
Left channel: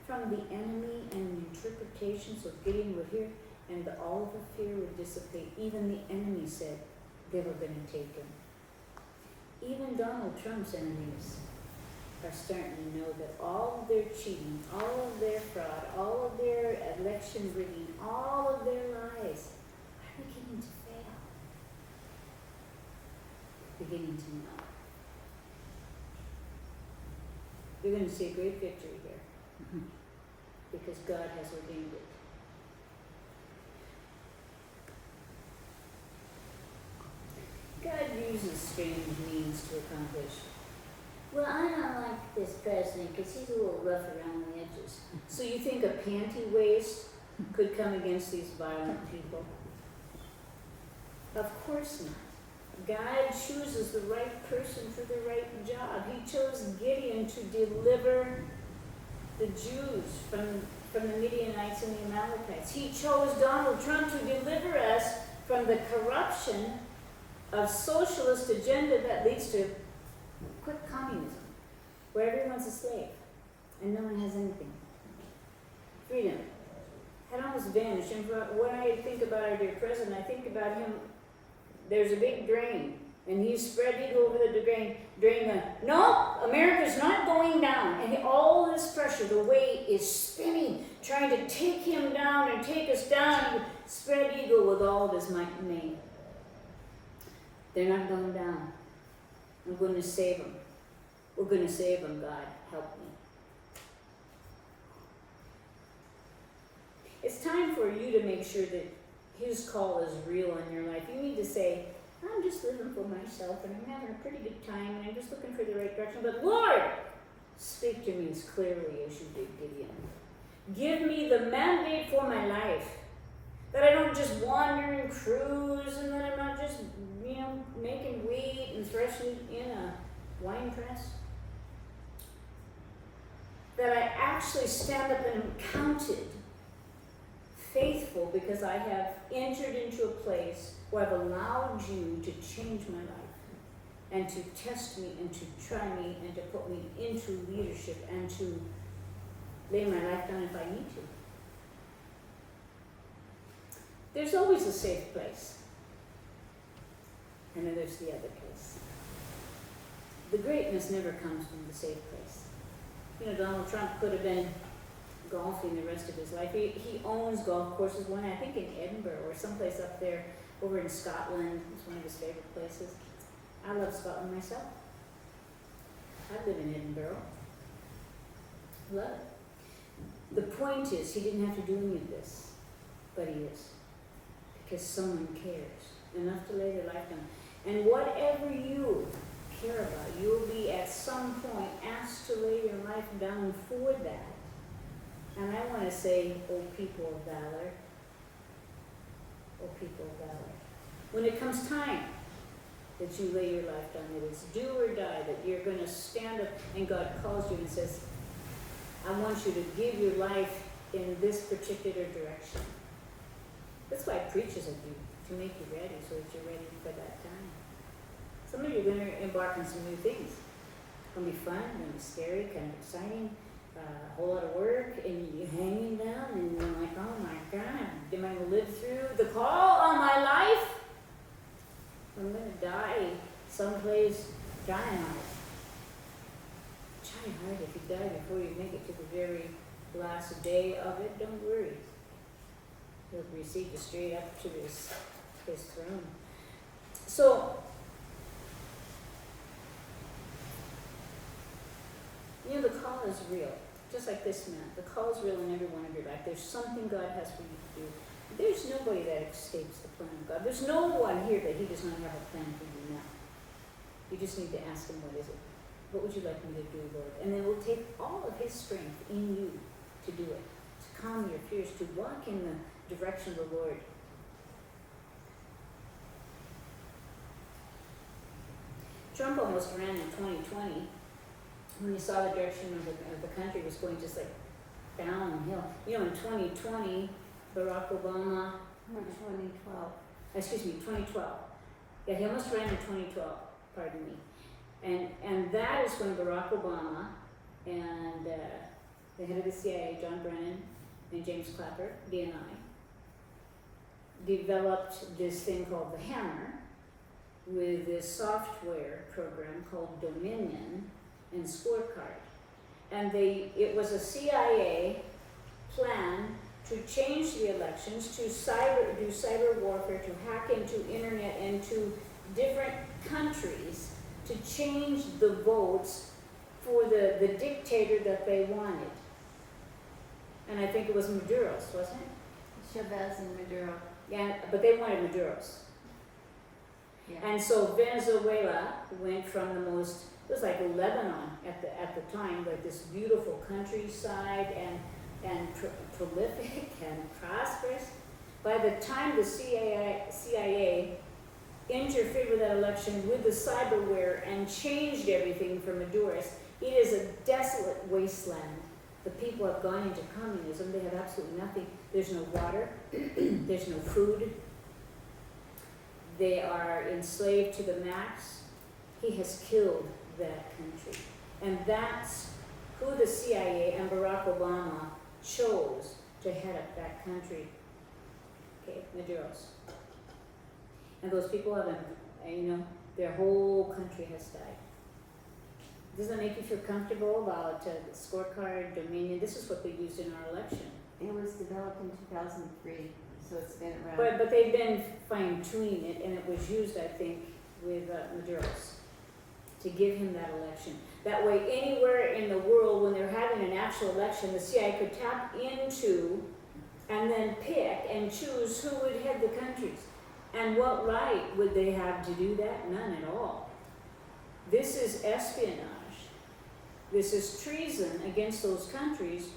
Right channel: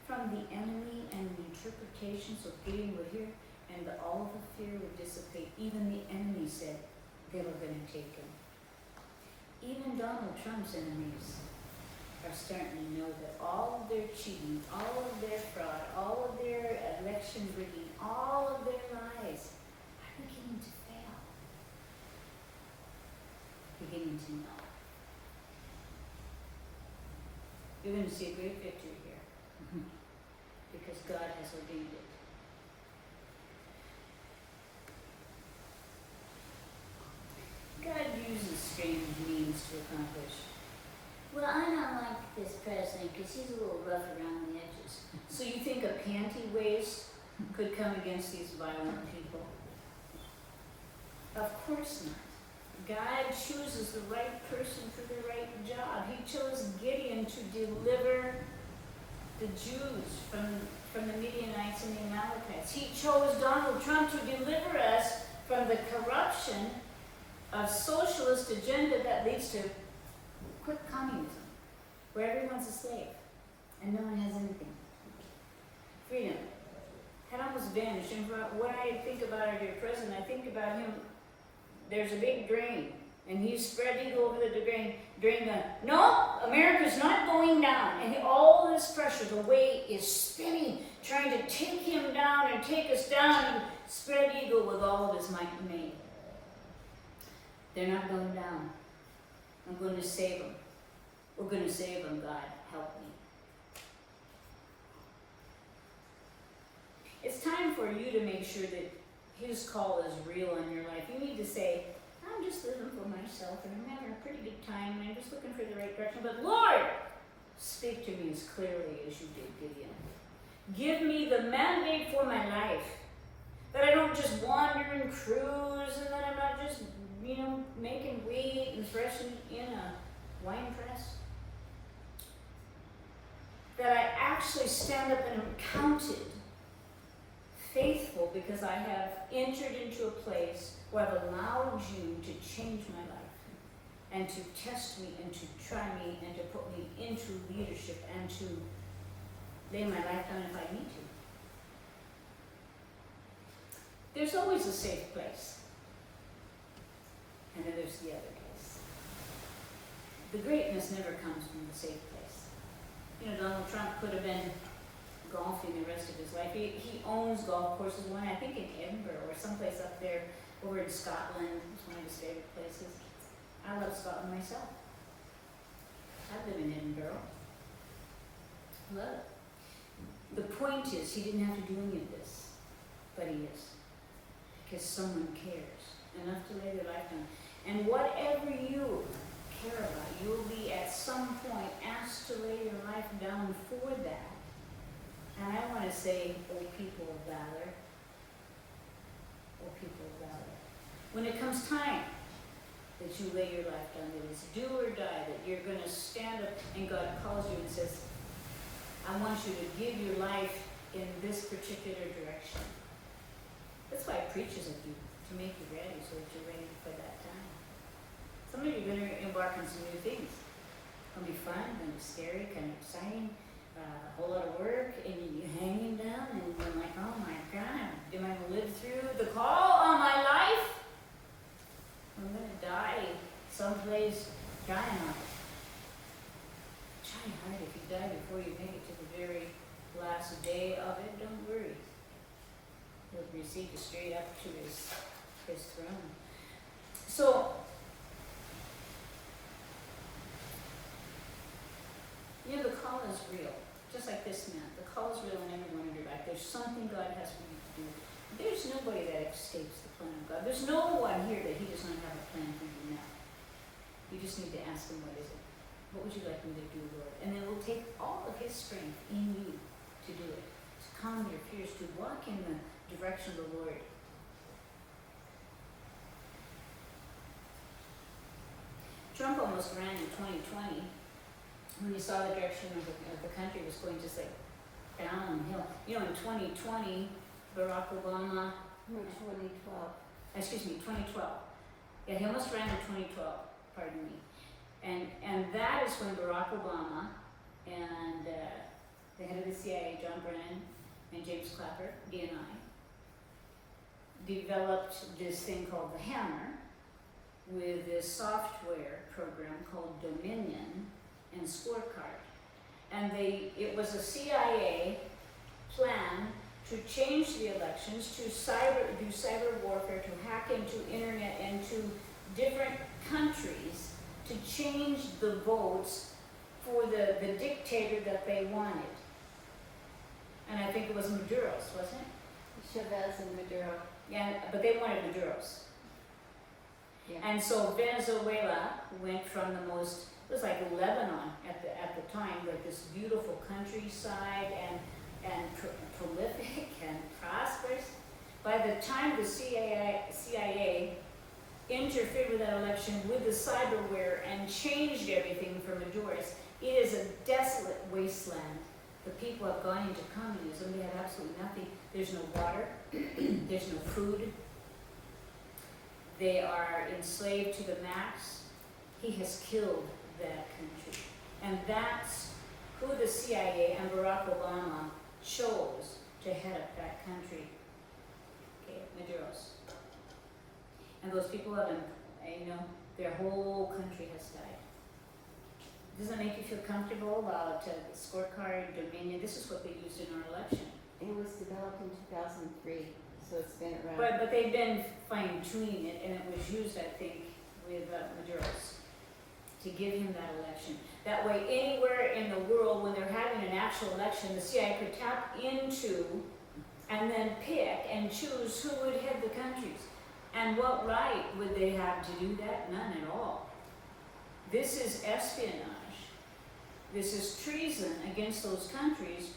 from the enemy and the interpretation so Gideon would hear, and all the fear would dissipate. Even the enemy said they were going to take him. Even Donald Trump's enemies are starting to know that all of their cheating, all of their fraud, all of their election rigging, all of their lies, beginning to fail, beginning to know. You're going to see a great victory here because God has ordained it. God uses strange means to accomplish. Well, I don't like this president because he's a little rough around the edges. So you think a panty waist could come against these violent people? Of course not. God chooses the right person for the right job. He chose Gideon to deliver the Jews from the Midianites and the Amalekites. He chose Donald Trump to deliver us from the corruption of socialist agenda that leads to quick communism, where everyone's a slave and no one has anything. Freedom had almost vanished. And when I think about our dear president, I think about him. There's a big drain, and he's spread eagle over the drain. No, America's not going down. And all this pressure, the weight is spinning, trying to take him down and take us down. And spread eagle with all of his might and main. They're not going down. I'm going to save them. We're going to save them, God. Help me. It's time for you to make sure that His call is real in your life. You need to say, I'm just living for myself and I'm having a pretty good time and I'm just looking for the right direction. But Lord, speak to me as clearly as you did, Gideon. Give me the mandate for my life. That I don't just wander and cruise and that I'm not just, making wheat and threshing in a wine press. That I actually stand up and am counted faithful because I have entered into a place where I've allowed you to change my life and to test me and to try me and to put me into leadership and to lay my life down if I need to. There's always a safe place. And then there's the other place. The greatness never comes from the safe place. Donald Trump could have been golfing the rest of his life. He owns golf courses, one I think in Edinburgh or someplace up there over in Scotland. It's one of his favorite places. I love Scotland myself. I live in Edinburgh. Love it. The point is, he didn't have to do any of this, but he is. Because someone cares enough to lay their life down. And whatever you care about, you'll be at some point asked to lay your life down for that. And I want to say, O people of valor, O people of valor, when it comes time that you lay your life down, that it's do or die, that you're going to stand up and God calls you and says, I want you to give your life in this particular direction. That's why it preaches at you, to make you ready, so that you're ready for that time. Some of you are going to embark on some new things. It'll be fun, it'll be scary, kind of exciting. A whole lot of work, and you're hanging down, and you're like, oh my God, am I going to live through the call on my life? I'm going to die someplace giant hard. Giant hard, if you die before you make it to the very last day of it, don't worry. He'll receive you straight up to his throne. So, the call is real. Just like this man, the call is real in every one of your life. There's something God has for you to do. There's nobody that escapes the plan of God. There's no one here that He does not have a plan for you now. You just need to ask Him, what is it? What would you like me to do, Lord? And then it will take all of His strength in you to do it, to calm your fears, to walk in the direction of the Lord. Trump almost ran in 2020. When he saw the direction of the country was going just like downhill. In 2020, Barack Obama, 2012. Yeah, he almost ran in 2012, pardon me. And that is when Barack Obama and the head of the CIA, John Brennan, and James Clapper, DNI, developed this thing called the Hammer with this software program called Dominion and Scorecard. And it was a CIA plan to change the elections, to do cyber warfare, to hack into internet, into different countries, to change the votes for the dictator that they wanted. And I think it was Maduro's, wasn't it? Chavez and Maduro. Yeah, but they wanted Maduro's. Yeah. And so Venezuela went from the most, it was like Lebanon at the time, like this beautiful countryside and prolific and prosperous. By the time the CIA interfered with that election with the cyberware and changed everything for Maduros. It is a desolate wasteland. The people have gone into communism. They have absolutely nothing. There's no water. There's no food. They are enslaved to the max. He has killed that country. And that's who the CIA and Barack Obama chose to head up that country. Okay, Maduros. And those people have been, their whole country has died. Does that make you feel comfortable about the scorecard, Dominion? This is what they used in our election. It was developed in 2003, so it's been around. But they've been fine-tuning it, and it was used, I think, with Maduros to give him that election. That way, anywhere in the world, when they're having an actual election, the CIA could tap into and then pick and choose who would head the countries. And what right would they have to do that? None at all. This is espionage. This is treason against those countries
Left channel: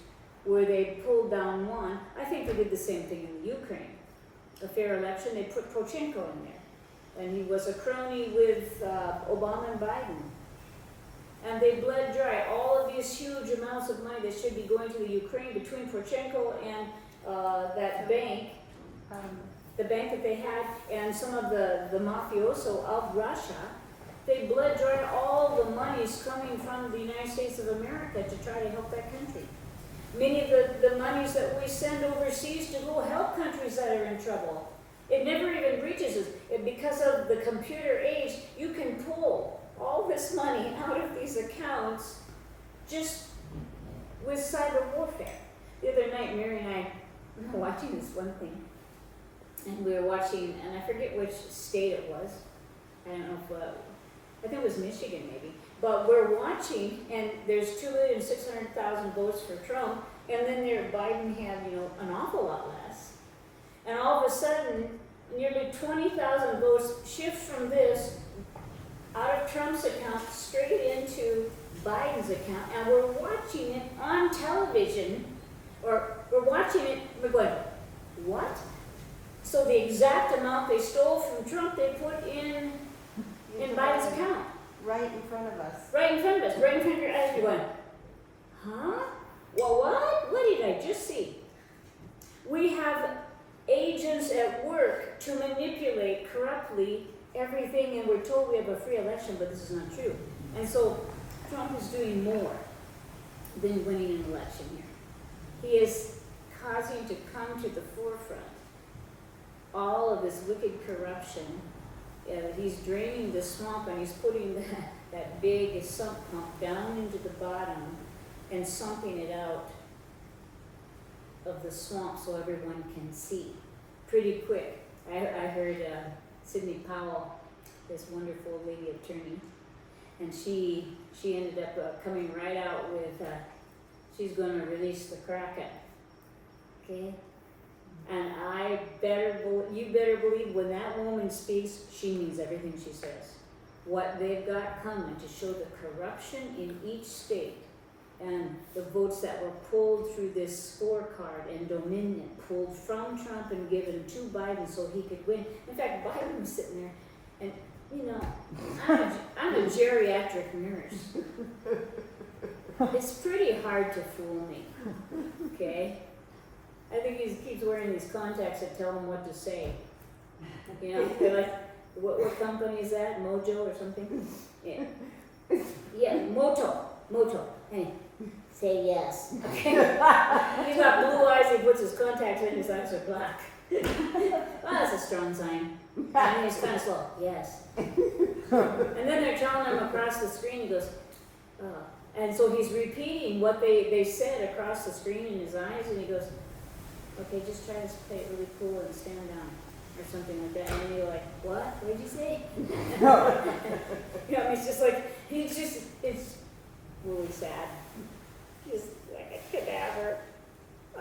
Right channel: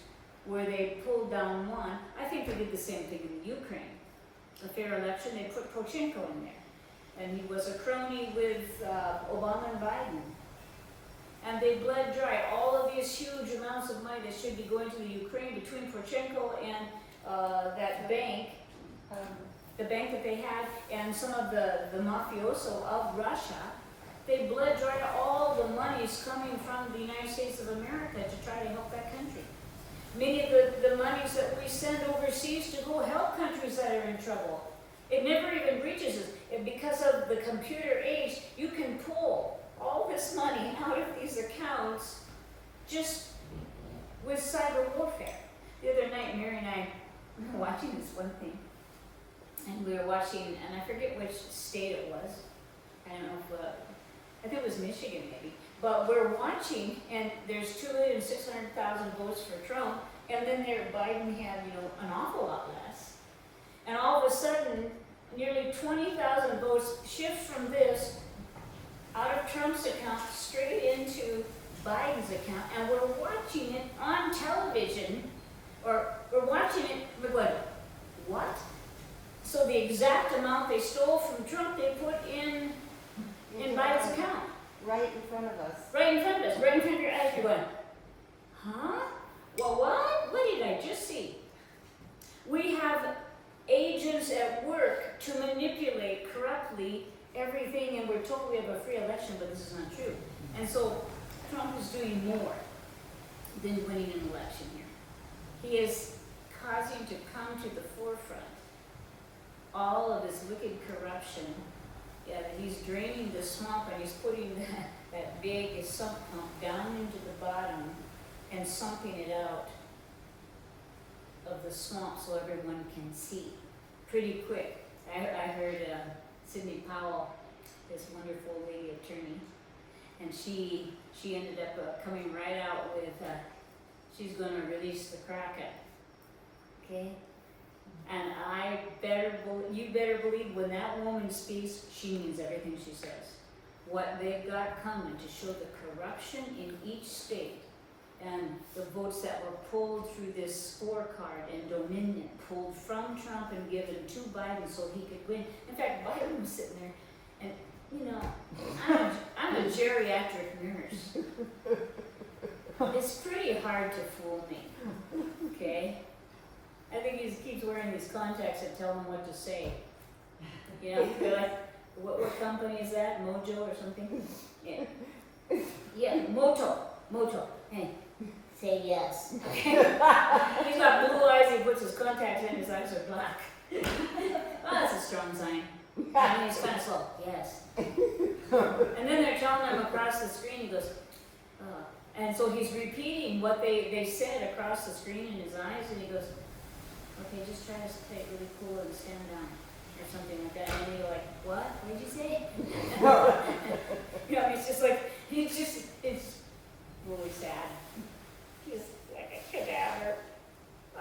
where they pulled down one. I think they did the same thing in the Ukraine. A fair election, they put Poroshenko in there. And he was a crony with Obama and Biden. And they bled dry all of these huge amounts of money that should be going to the Ukraine between Poroshenko and that bank, the bank that they had, and some of the mafioso of Russia. They bled dry all the monies coming from the United States of America to try to help that country. Many of the monies that we send overseas to go help countries that are in trouble. It never even reaches us. Because of the computer age, you can pull all this money out of these accounts just with cyber warfare. The other night, Mary and I were watching this one thing. And we were watching, and I forget which state it was. I don't know I think it was Michigan maybe. But we're watching, and there's 2,600,000 votes for Trump, and then there Biden had, an awful lot less. And all of a sudden, nearly 20,000 votes shift from this out of Trump's account straight into Biden's account, and we're watching it on television, or we're watching it, we're going, what? So the exact amount they stole from Trump, they put in Biden's account. Right in front of us. Right in front of us, right in front of your eyes, you're going, huh? Well, what? What did I just see? We have agents at work to manipulate corruptly everything, and we're told we have a free election, but this is not true. And so Trump is doing more than winning an election here. He is causing to come to the forefront all of this wicked corruption. He's draining the swamp, and he's putting that big sump pump down into the bottom and sumping it out of the swamp so everyone can see pretty quick. I heard Sidney Powell, this wonderful lady attorney, and she ended up coming right out with she's going to release the Kraken. Okay? And you better believe when that woman speaks, she means everything she says. What they've got coming to show the corruption in each state and the votes that were pulled through this scorecard and Dominion, pulled from Trump and given to Biden so he could win. In fact, Biden was sitting there, and I'm a geriatric nurse. It's pretty hard to fool me, okay? I think he keeps wearing these contacts that tell him what to say. They're like, what company is that? Mojo or something? Yeah. Yeah, Moto. Hey, say yes. Okay. He's got blue eyes, he puts his contacts in, his eyes are black. Well, that's a strong sign. And he's kind of slow, yes. And then they're telling him across the screen, he goes, oh. And so he's repeating what they said across the screen in his eyes, and he goes, okay, just try to play it really cool and stand down, or something like that. And then you're like, what? What did you say? It's just like, it's really sad. Just like a cadaver.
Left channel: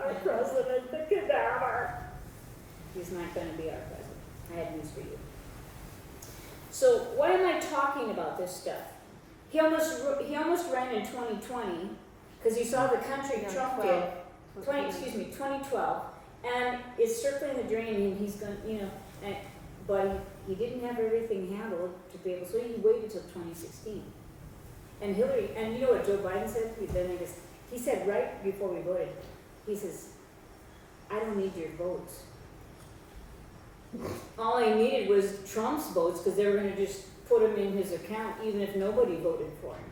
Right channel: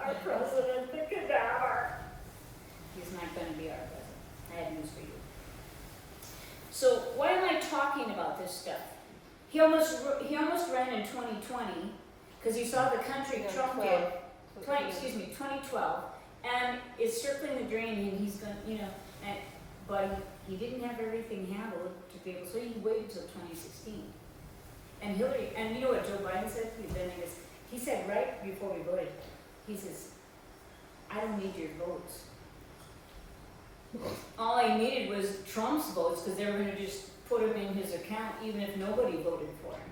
Our president, the cadaver. He's not going to be our president. I have news for you. So why am I talking about this stuff? He almost ran in 2020 because he saw the country Trump did. 2012, and it's circling the drain, and he's going, but he didn't have everything handled to be able, so he waited till 2016. And Hillary, and you know what Joe Biden said? He said right before we voted, he says, I don't need your votes. All I needed was Trump's votes because they were going to just put him in his account even if nobody voted for him.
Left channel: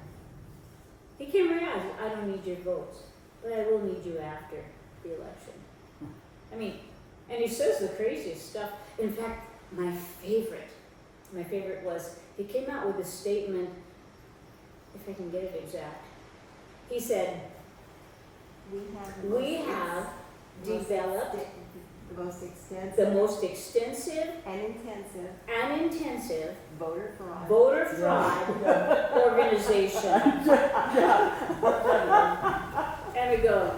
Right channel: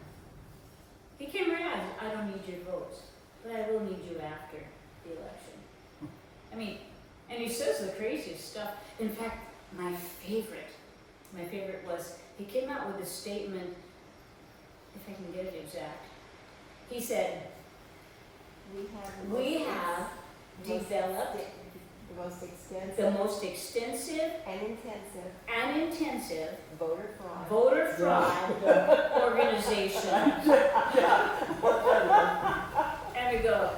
He came right out, I don't need your votes, but I will need you after the election. I mean, and he says the craziest stuff. In fact, my favorite was, he came out with a statement, if I can get it exact. He said, we have developed the most extensive and intensive voter fraud organization. And we go,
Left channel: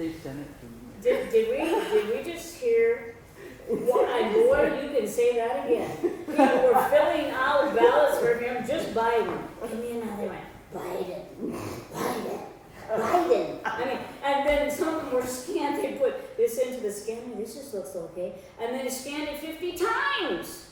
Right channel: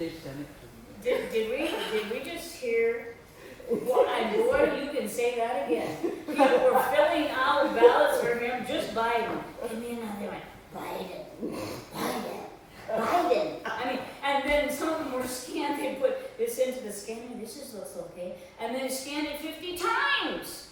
They sent it to me. did we just hear, Lord, you can say that again. People were filling out ballots for him, just Biden. And then now they went, Biden. I mean, and then some of them were scanned, they put this into the scanner, this just looks okay. And then scanned it 50 times.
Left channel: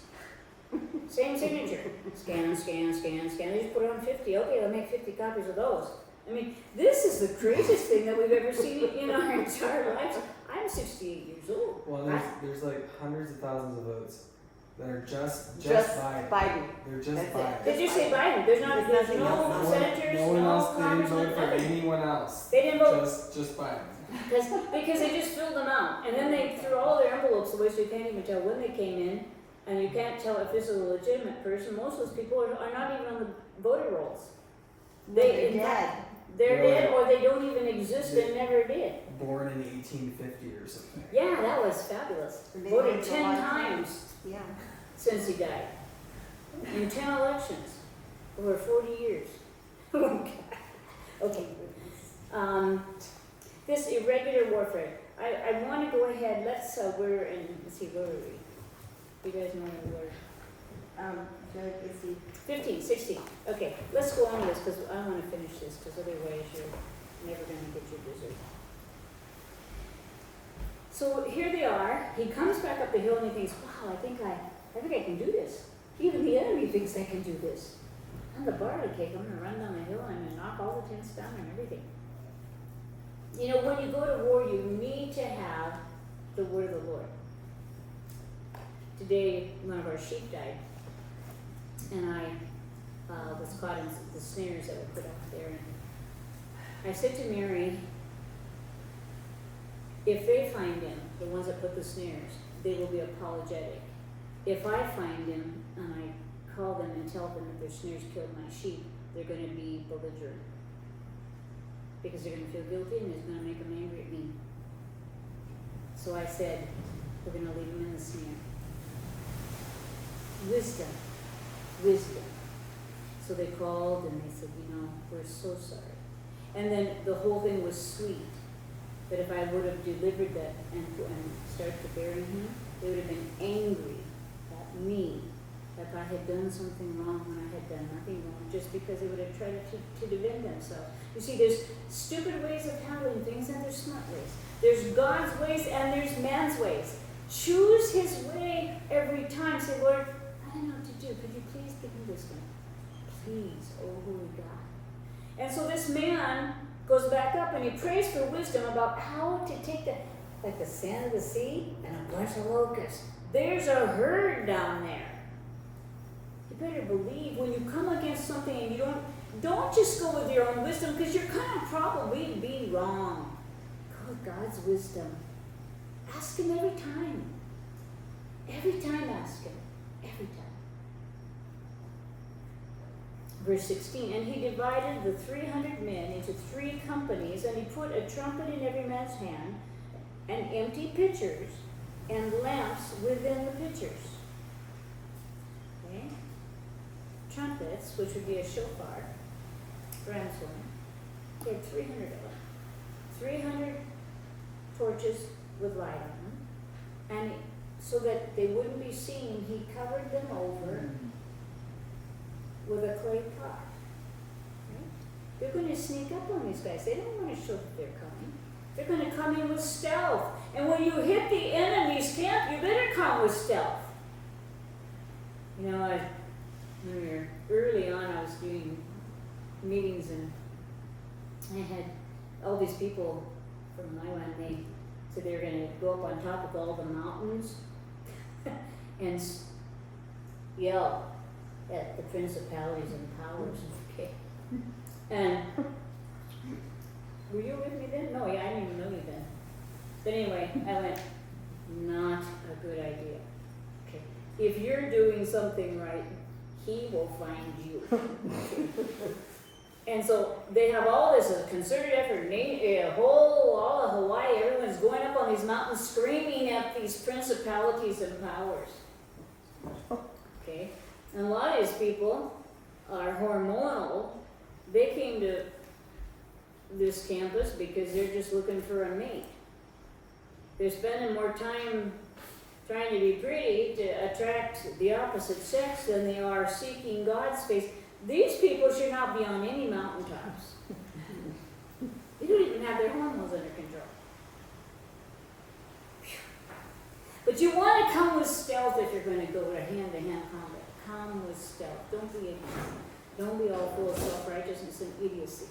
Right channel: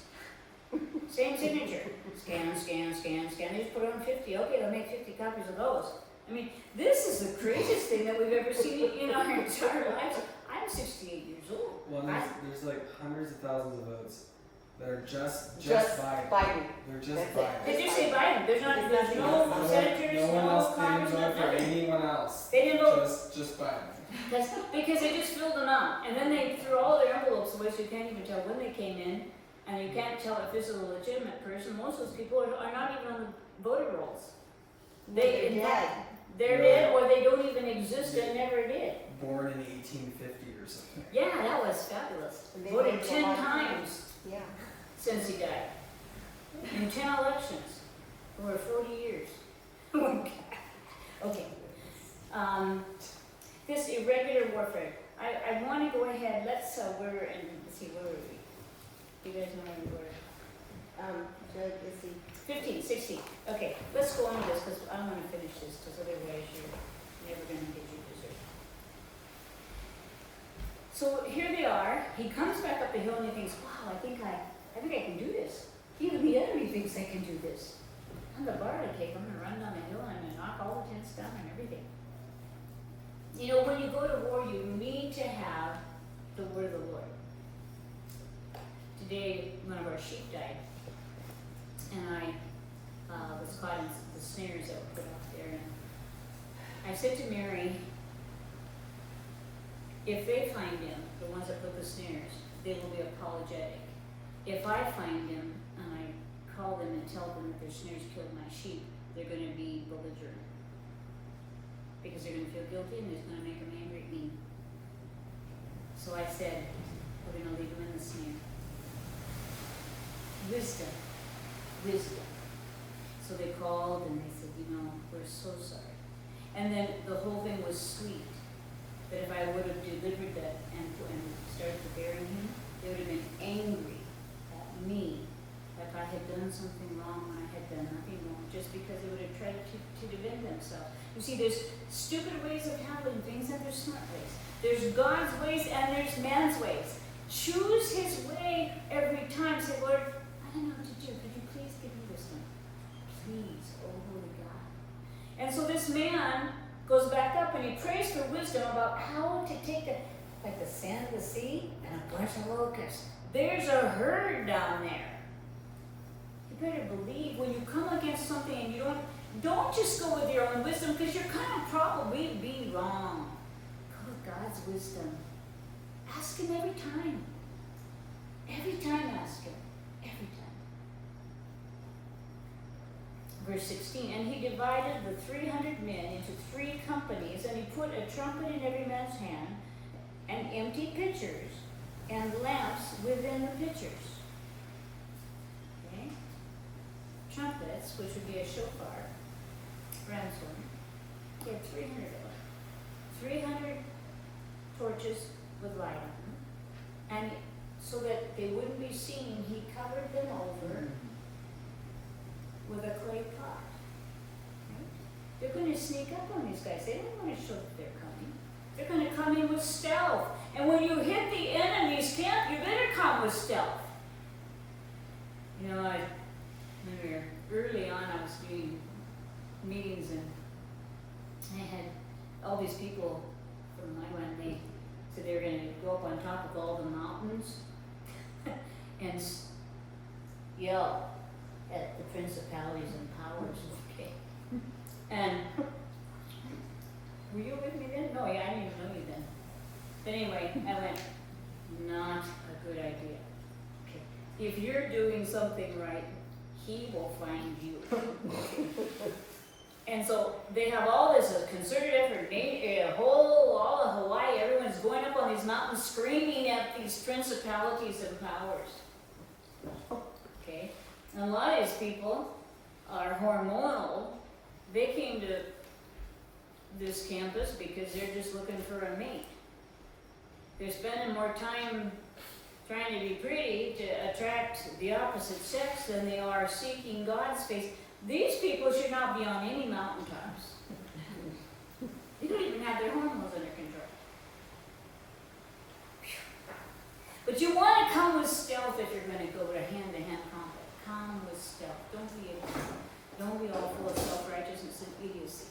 Same signature. Scan. They just put it on 50. Okay, I'll make 50 copies of those. I mean, this is the craziest thing that we've ever seen in our entire lives. I'm 68 years old. Well, there's like hundreds of thousands of votes that are just Biden. They're just Biden. Did you say Biden? There's no senators, no one else. They didn't vote for anyone else. They didn't vote. Just Biden. Because they just filled them out. And then they threw all their envelopes away so you can't even tell when they came in. And you can't tell if this is a legitimate person. Most of those people are not even on the voter rolls. They're dead. They're dead or they don't even exist and never did. Born in 1850 or something. Yeah, that was fabulous. They Voted lived a 10 long times Yeah. since he died. In 10 elections over 40 years. Okay. This irregular warfare. I want to go ahead. Let's let's see, where are we? You guys know where we were. Good, busy. 15, 16. Okay, let's go on to this because I want to finish this because otherwise you're never going to get your dessert. So here they are. He comes back up the hill and he thinks, wow, I think I can do this. Even the enemy thinks I can do this. I'm the barley cake. I'm going to run down the hill and I'm going to knock all the tents down and everything. You know, when you go to war, you need to have the word of the Lord. Today, one of our sheep died. And I was caught in the snares that were put out there. And I said to Mary, if they find him, the ones that put the snares, they will be apologetic. If I find him and I call them and tell them that their snares killed my sheep, they're going to be belligerent. Because they're going to feel guilty and it's going to make them angry at me. So I said, we're going to leave him in the snare. Wisdom. So they called and they said, we're so sorry. And then the whole thing was sweet. But if I would have delivered that and started to bury him, they would have been angry at me if I had done something wrong when I had done nothing wrong, just because they would have tried to defend themselves. You see, there's stupid ways of handling things and there's smart ways. There's God's ways and there's man's ways. Choose his way every time. Say, Lord, I don't know what to do. Could you please give me wisdom? Please, oh holy God. And so this man goes back up and he prays for wisdom about how to take the sand of the sea and a bunch of locusts. There's a herd down there. You better believe when you come against something and you don't just go with your own wisdom because you're kind of probably be wrong. Go with God's wisdom. Ask him every time. Every time ask him. Every time. Verse 16, and he divided the 300 men into 3 companies, and he put a trumpet in every man's hand, and empty pitchers, and lamps within the pitchers. Okay? Trumpets, which would be a shofar, ram's horn. He had 300 of them. 300 torches with light on them, and so that they wouldn't be seen, he covered them over with a clay pot. They're going to sneak up on these guys. They don't want to show that they're coming. They're going to come in with stealth. And when you hit the enemy's camp, you better come with stealth. meetings, and I had all these people from my one, they said they were gonna go up on top of all the mountains and yell at the principalities and powers, okay? And were you with me then? No, yeah, I didn't even know you then. But anyway, I went, not a good idea. Okay. If you're doing something right, he will find you. And so they have all this concerted effort, all of Hawaii, everyone's going up on these mountains screaming at these principalities and powers. Okay? And a lot of these people are hormonal. They came to this campus because they're just looking for a mate. They're spending more time trying to be pretty to attract the opposite sex than they are seeking God's face. These people should not be on any mountaintops. They don't even have their hormones under control. But you want to come with stealth if you're going to go to hand-to-hand combat. Come with stealth. Don't be all full of self-righteousness and idiocy.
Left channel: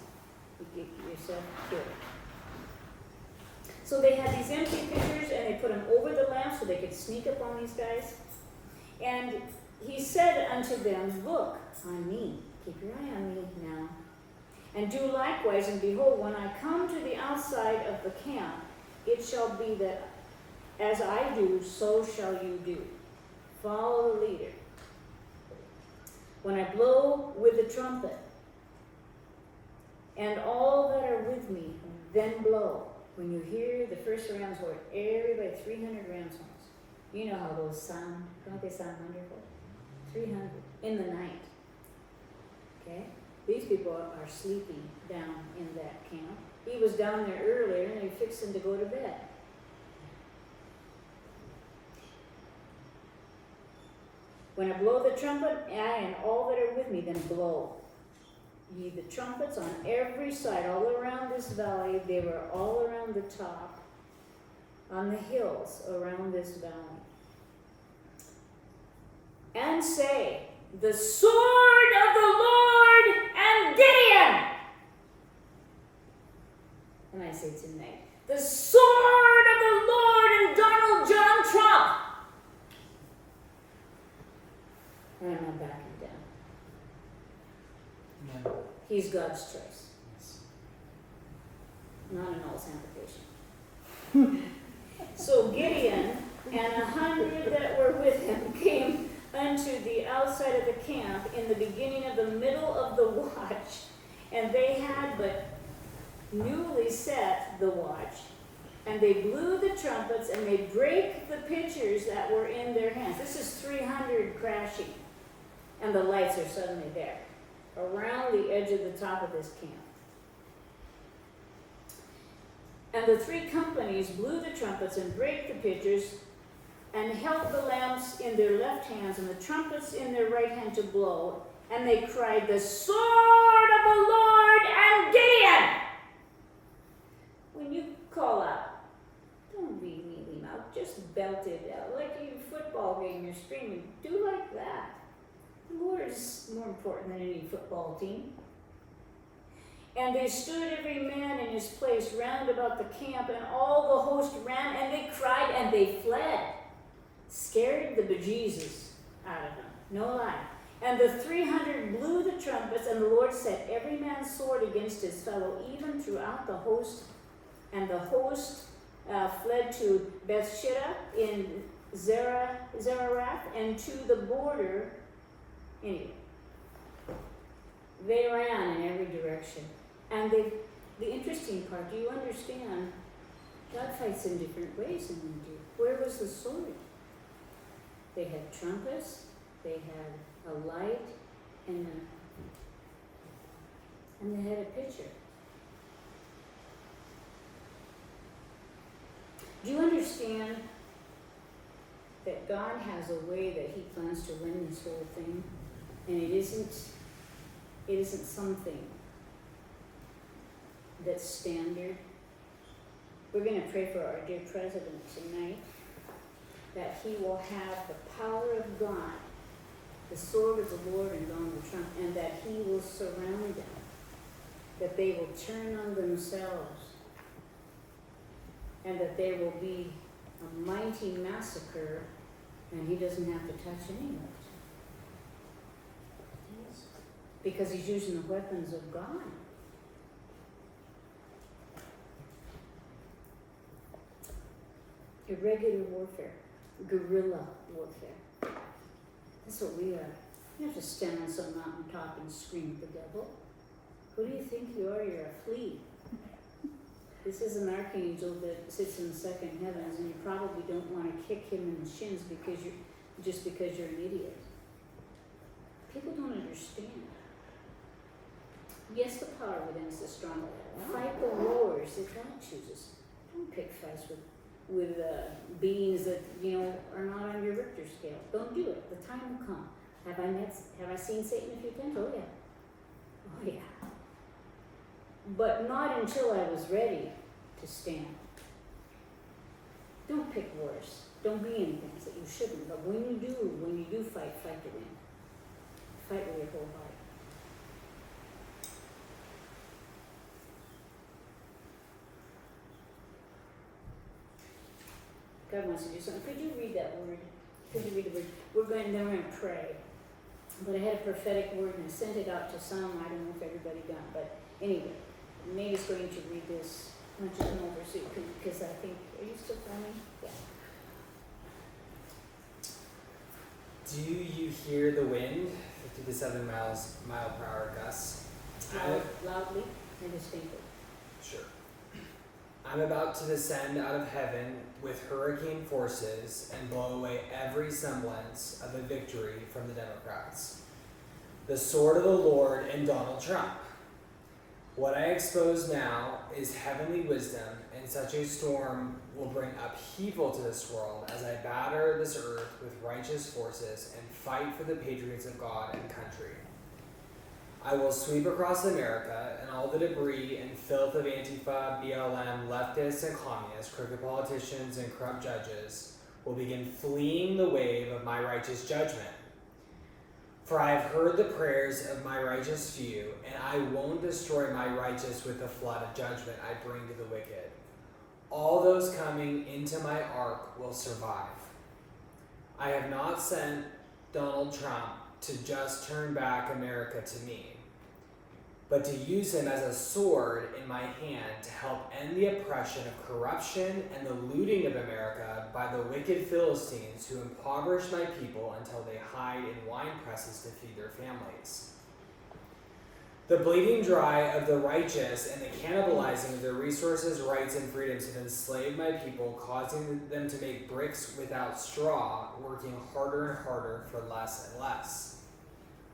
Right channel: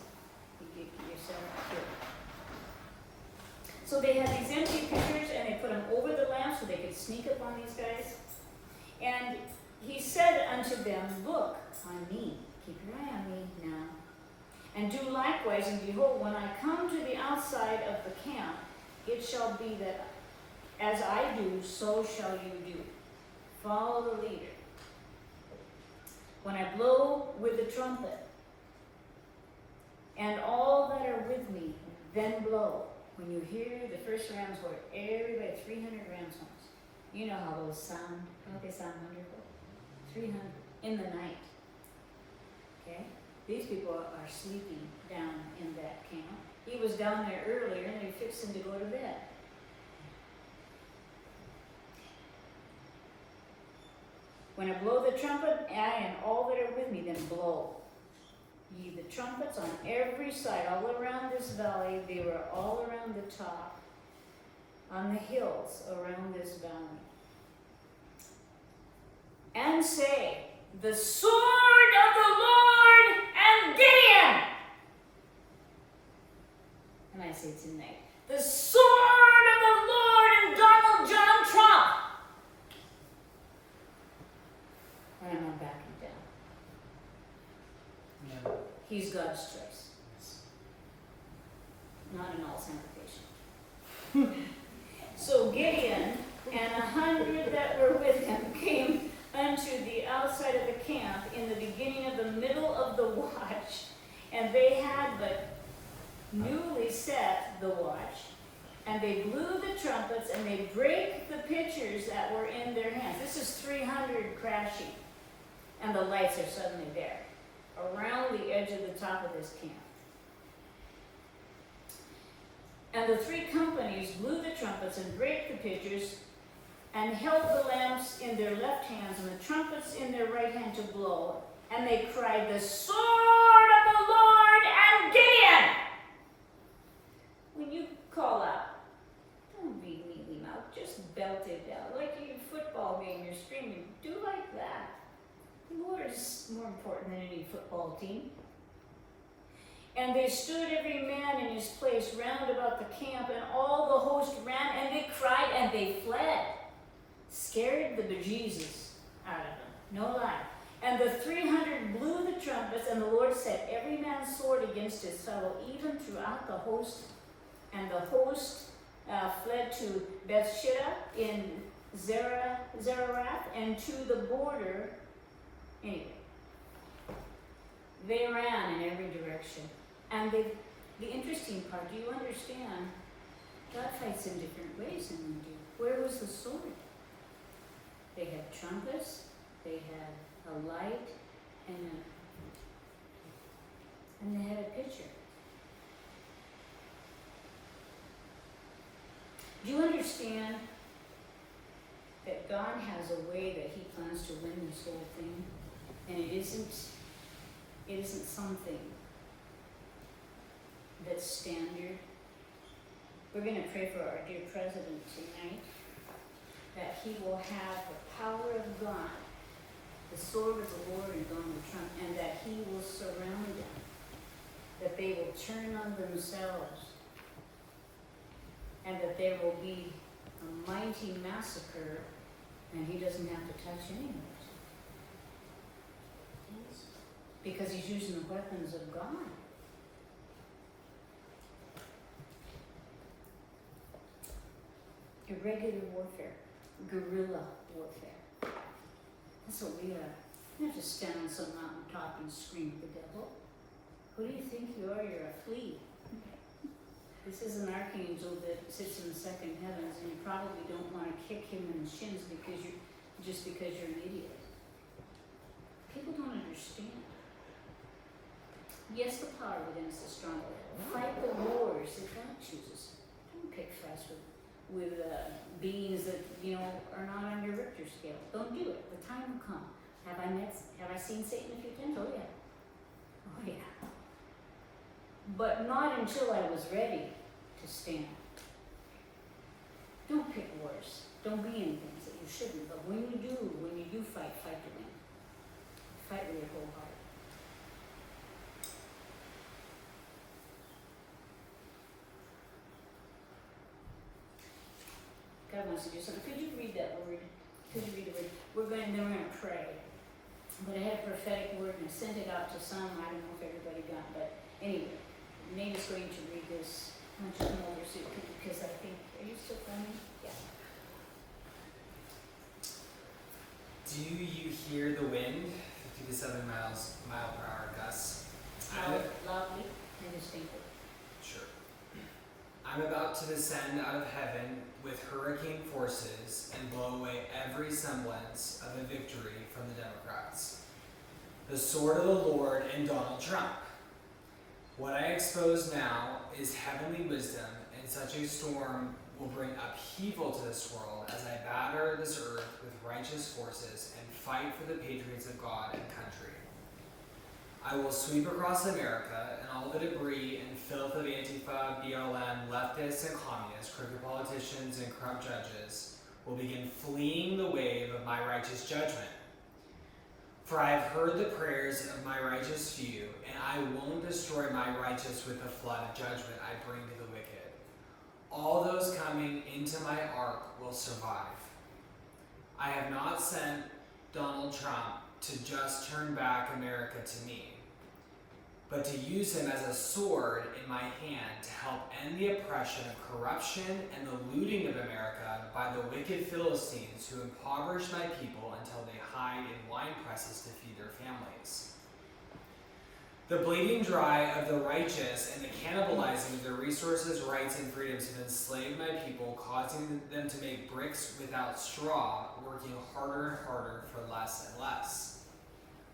You get yourself killed. So they had these empty pictures, and they put them over the lamp so they could sneak up on these guys. And he said unto them, look on me, keep your eye on me now, and do likewise, and behold, when I come to the outside of the camp, it shall be that as I do, so shall you do. Follow the leader. When I blow with the trumpet, and all that are with me, then blow. When you hear the first ram's horn, everybody, 300 ram's horns. You know how those sound. Don't they sound wonderful? 300 in the night. Okay? These people are sleeping down in that camp. He was down there earlier and they fixed him to go to bed. When I blow the trumpet, I and all that are with me, then blow ye the trumpets on every side, all around this valley. They were all around the top, on the hills around this valley. And say, the sword of the Lord and Gideon. And I say tonight, the sword of the Lord and Donald John Trump. And I'm not backing down. Yeah. He's God's choice, Yes. not an all-sanctification. So Gideon and 100 that were with him came unto the outside of the camp in the beginning of the middle of the watch, and they had but newly set the watch, and they blew the trumpets, and they brake the pitchers that were in their hands. This is 300 crashing, and the lights are suddenly there around the edge of the top of this camp. And the three companies blew the trumpets and brake the pitchers, and held the lamps in their left hands and the trumpets in their right hand to blow. And they cried, the sword of the Lord and Gideon! When you call out, don't be mealy mouthed, just belt it out. Like your football game, you're screaming, do like that. The Lord is more important than any football team. And they stood every man in his place round about the camp, and all the host ran, and they cried, and they fled. Scared the bejesus out of them, no lie. And the 300 blew the trumpets, and the Lord set every man's sword against his fellow, even throughout the host. And the host fled to Bethshitta in Zerarath, and to the border. Anyway, they ran in every direction. And the interesting part, do you understand? God fights in different ways than we do. Where was the sword? They had trumpets, they had a light, and they had a pitcher. Do you understand that God has a way that He plans to win this whole thing? And it isn't something that's standard. We're going to pray for our dear president tonight, that he will have the power of God, the sword of the Lord and Donald Trump, and that he will surround him that they will turn on themselves, and that there will be a mighty massacre, and he doesn't have to touch any of it. Because he's using the weapons of God. Irregular warfare, guerrilla warfare. That's what we are. You have to stand on some mountaintop and scream at the devil. Who do you think you are? You're a flea. This is an archangel that sits in the second heavens, and you probably don't want to kick him in the shins because you're an idiot. People don't understand. Yes, the power within us is stronger. Fight the wars that God chooses. Don't pick fights with beings that are not on your Richter scale. Don't do it. The time will come. Have I seen Satan a few times? Oh yeah. But not until I was ready to stand. Don't pick wars. Don't be in things that you shouldn't. But when you do fight to win. Fight with your whole heart. God wants to do something. Could you read that word? Could you read the word? Then we're going to pray. But I had a prophetic word and I sent it out to some. I don't know if everybody got it. But anyway, maybe it's going to read this. I'm just going to oversee it because I think, are you still running? Yeah. Do you hear the wind? 57 mile per hour gusts. Loudly and distinctly. Sure. I'm about to descend out of heaven with hurricane forces and blow away every semblance of a victory from the Democrats. The sword of the Lord and Donald Trump. What I expose now is heavenly wisdom, and such a storm will bring upheaval to this world as I batter this earth with righteous forces and fight for the patriots of God and country. I will sweep across America, and all the debris and filth of Antifa, BLM, leftists and communists, crooked politicians and corrupt judges will begin fleeing the wave of my righteous judgment. For I have heard the prayers of my righteous few, and I won't destroy my righteous with the flood of judgment I bring to the wicked. All those coming into my ark will survive. I have not sent Donald Trump to just turn back America to me, but to use him as a sword in my hand to help end the oppression of corruption and the looting of America by the wicked Philistines who impoverish my people until they hide in wine presses to feed their families. The bleeding dry of the righteous and the cannibalizing of their resources, rights, and freedoms have enslaved my people, causing them to make bricks without straw, working harder and harder for less and less.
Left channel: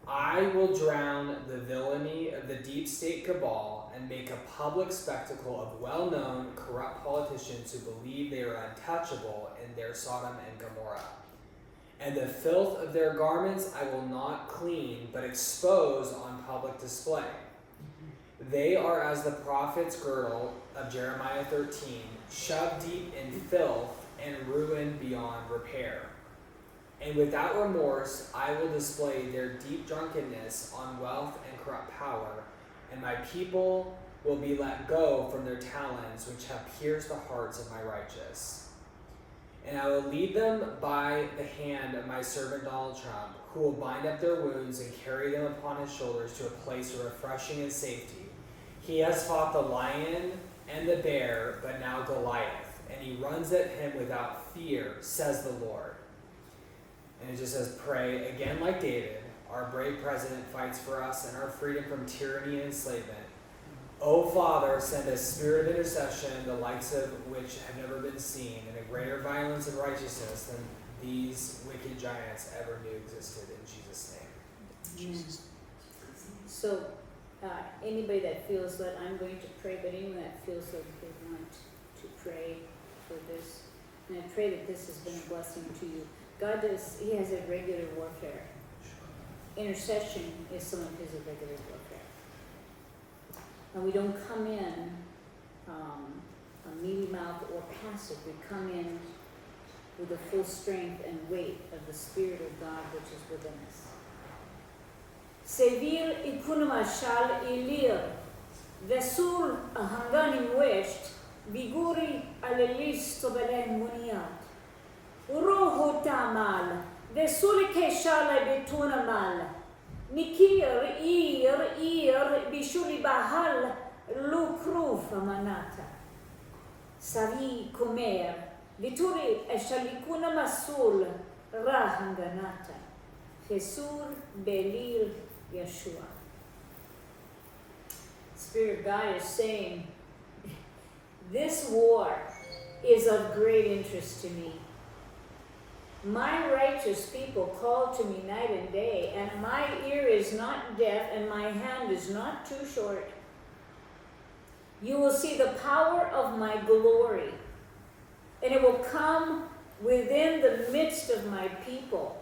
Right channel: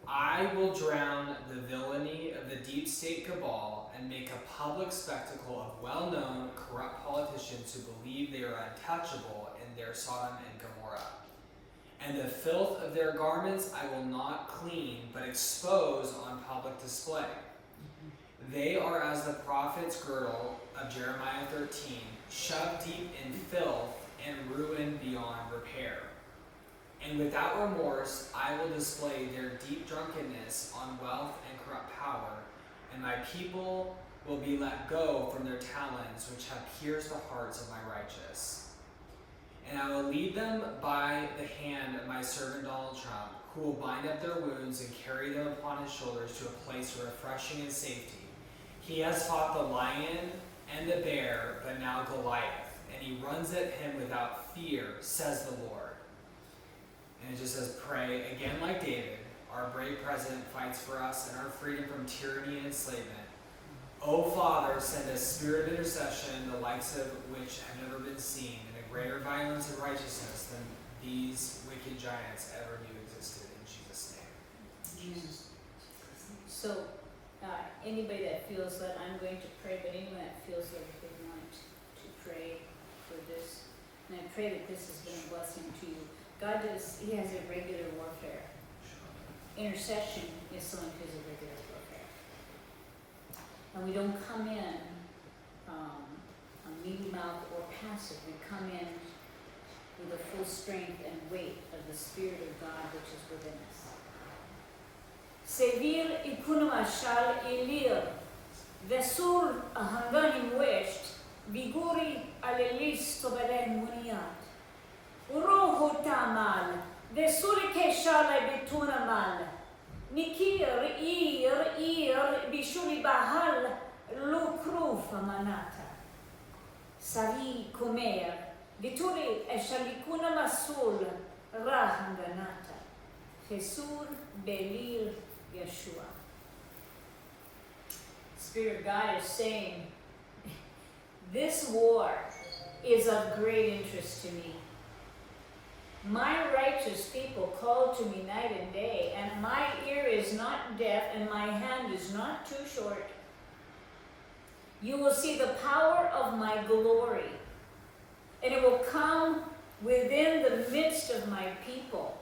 I will drown the villainy of the deep state cabal and make a public spectacle of well-known corrupt politicians who believe they are untouchable in their Sodom and Gomorrah. And the filth of their garments I will not clean, but expose on public display. They are as the prophet's girdle of Jeremiah 13, shoved deep in filth and ruined beyond repair. And without remorse, I will display their deep drunkenness on wealth and corrupt power, and my people will be let go from their talons, which have pierced the hearts of my righteous. And I will lead them by the hand of my servant Donald Trump, who will bind up their wounds and carry them upon his shoulders to a place of refreshing and safety. He has fought the lion and the bear, but now Goliath, and he runs at him without fear, says the Lord. And it just says, pray, again like David, our brave president fights for us and our freedom from tyranny and enslavement. O Father, send a spirit of intercession, the likes of which have never been seen, and a greater violence and righteousness than these wicked giants ever knew existed. In Jesus' name. Amen. So, anybody that feels that I'm going to pray, but anyone that feels like they want to pray for this, and I pray that this has been a blessing to you. God He has a regular warfare. Intercession is someone who has a regular warfare. And we don't come in mealy mouthed or passive. We come in with the full strength and weight of the Spirit of God which is within us. Sevir y kunamashal ilir. Vesur hanganim west, viguri alelis tobelen muniat. Uroho tamal, vesuri keshala betuna mal. Nikir ir bishuri bahal lukruf manata. Savi comer, vituri eshalikuna masul rahanganata. Fesur belir Yeshua. Spirit of God is saying, this war is of great interest to me. My righteous people call to me night and day, and my ear is not deaf, and my hand is not too short. You will see the power of my glory, and it will come within the midst of my people,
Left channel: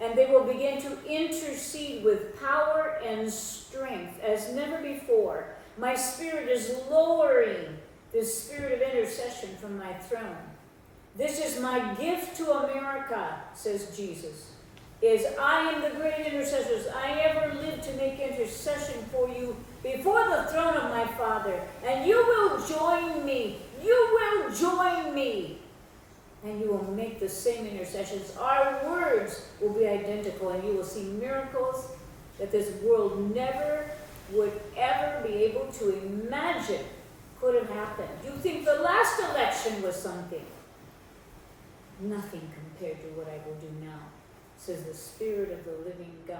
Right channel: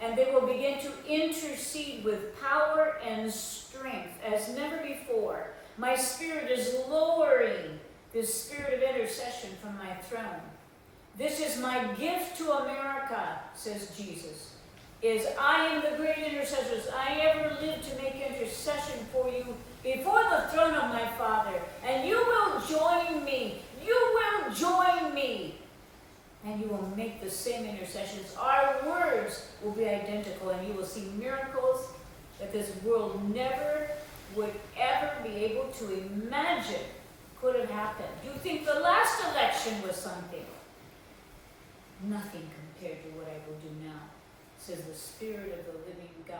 and they will begin to intercede with power and strength as never before. My spirit is lowering the spirit of intercession from my throne. This is my gift to America, says Jesus, is I am the great intercessors. I ever lived to make intercession for you before the throne of my Father. And you will join me. You will join me. And you will make the same intercessions. Our words will be identical, and you will see miracles that this world never would ever be able to imagine could have happened. You think the last election was something? Nothing compared to what I will do now, says the Spirit of the living God.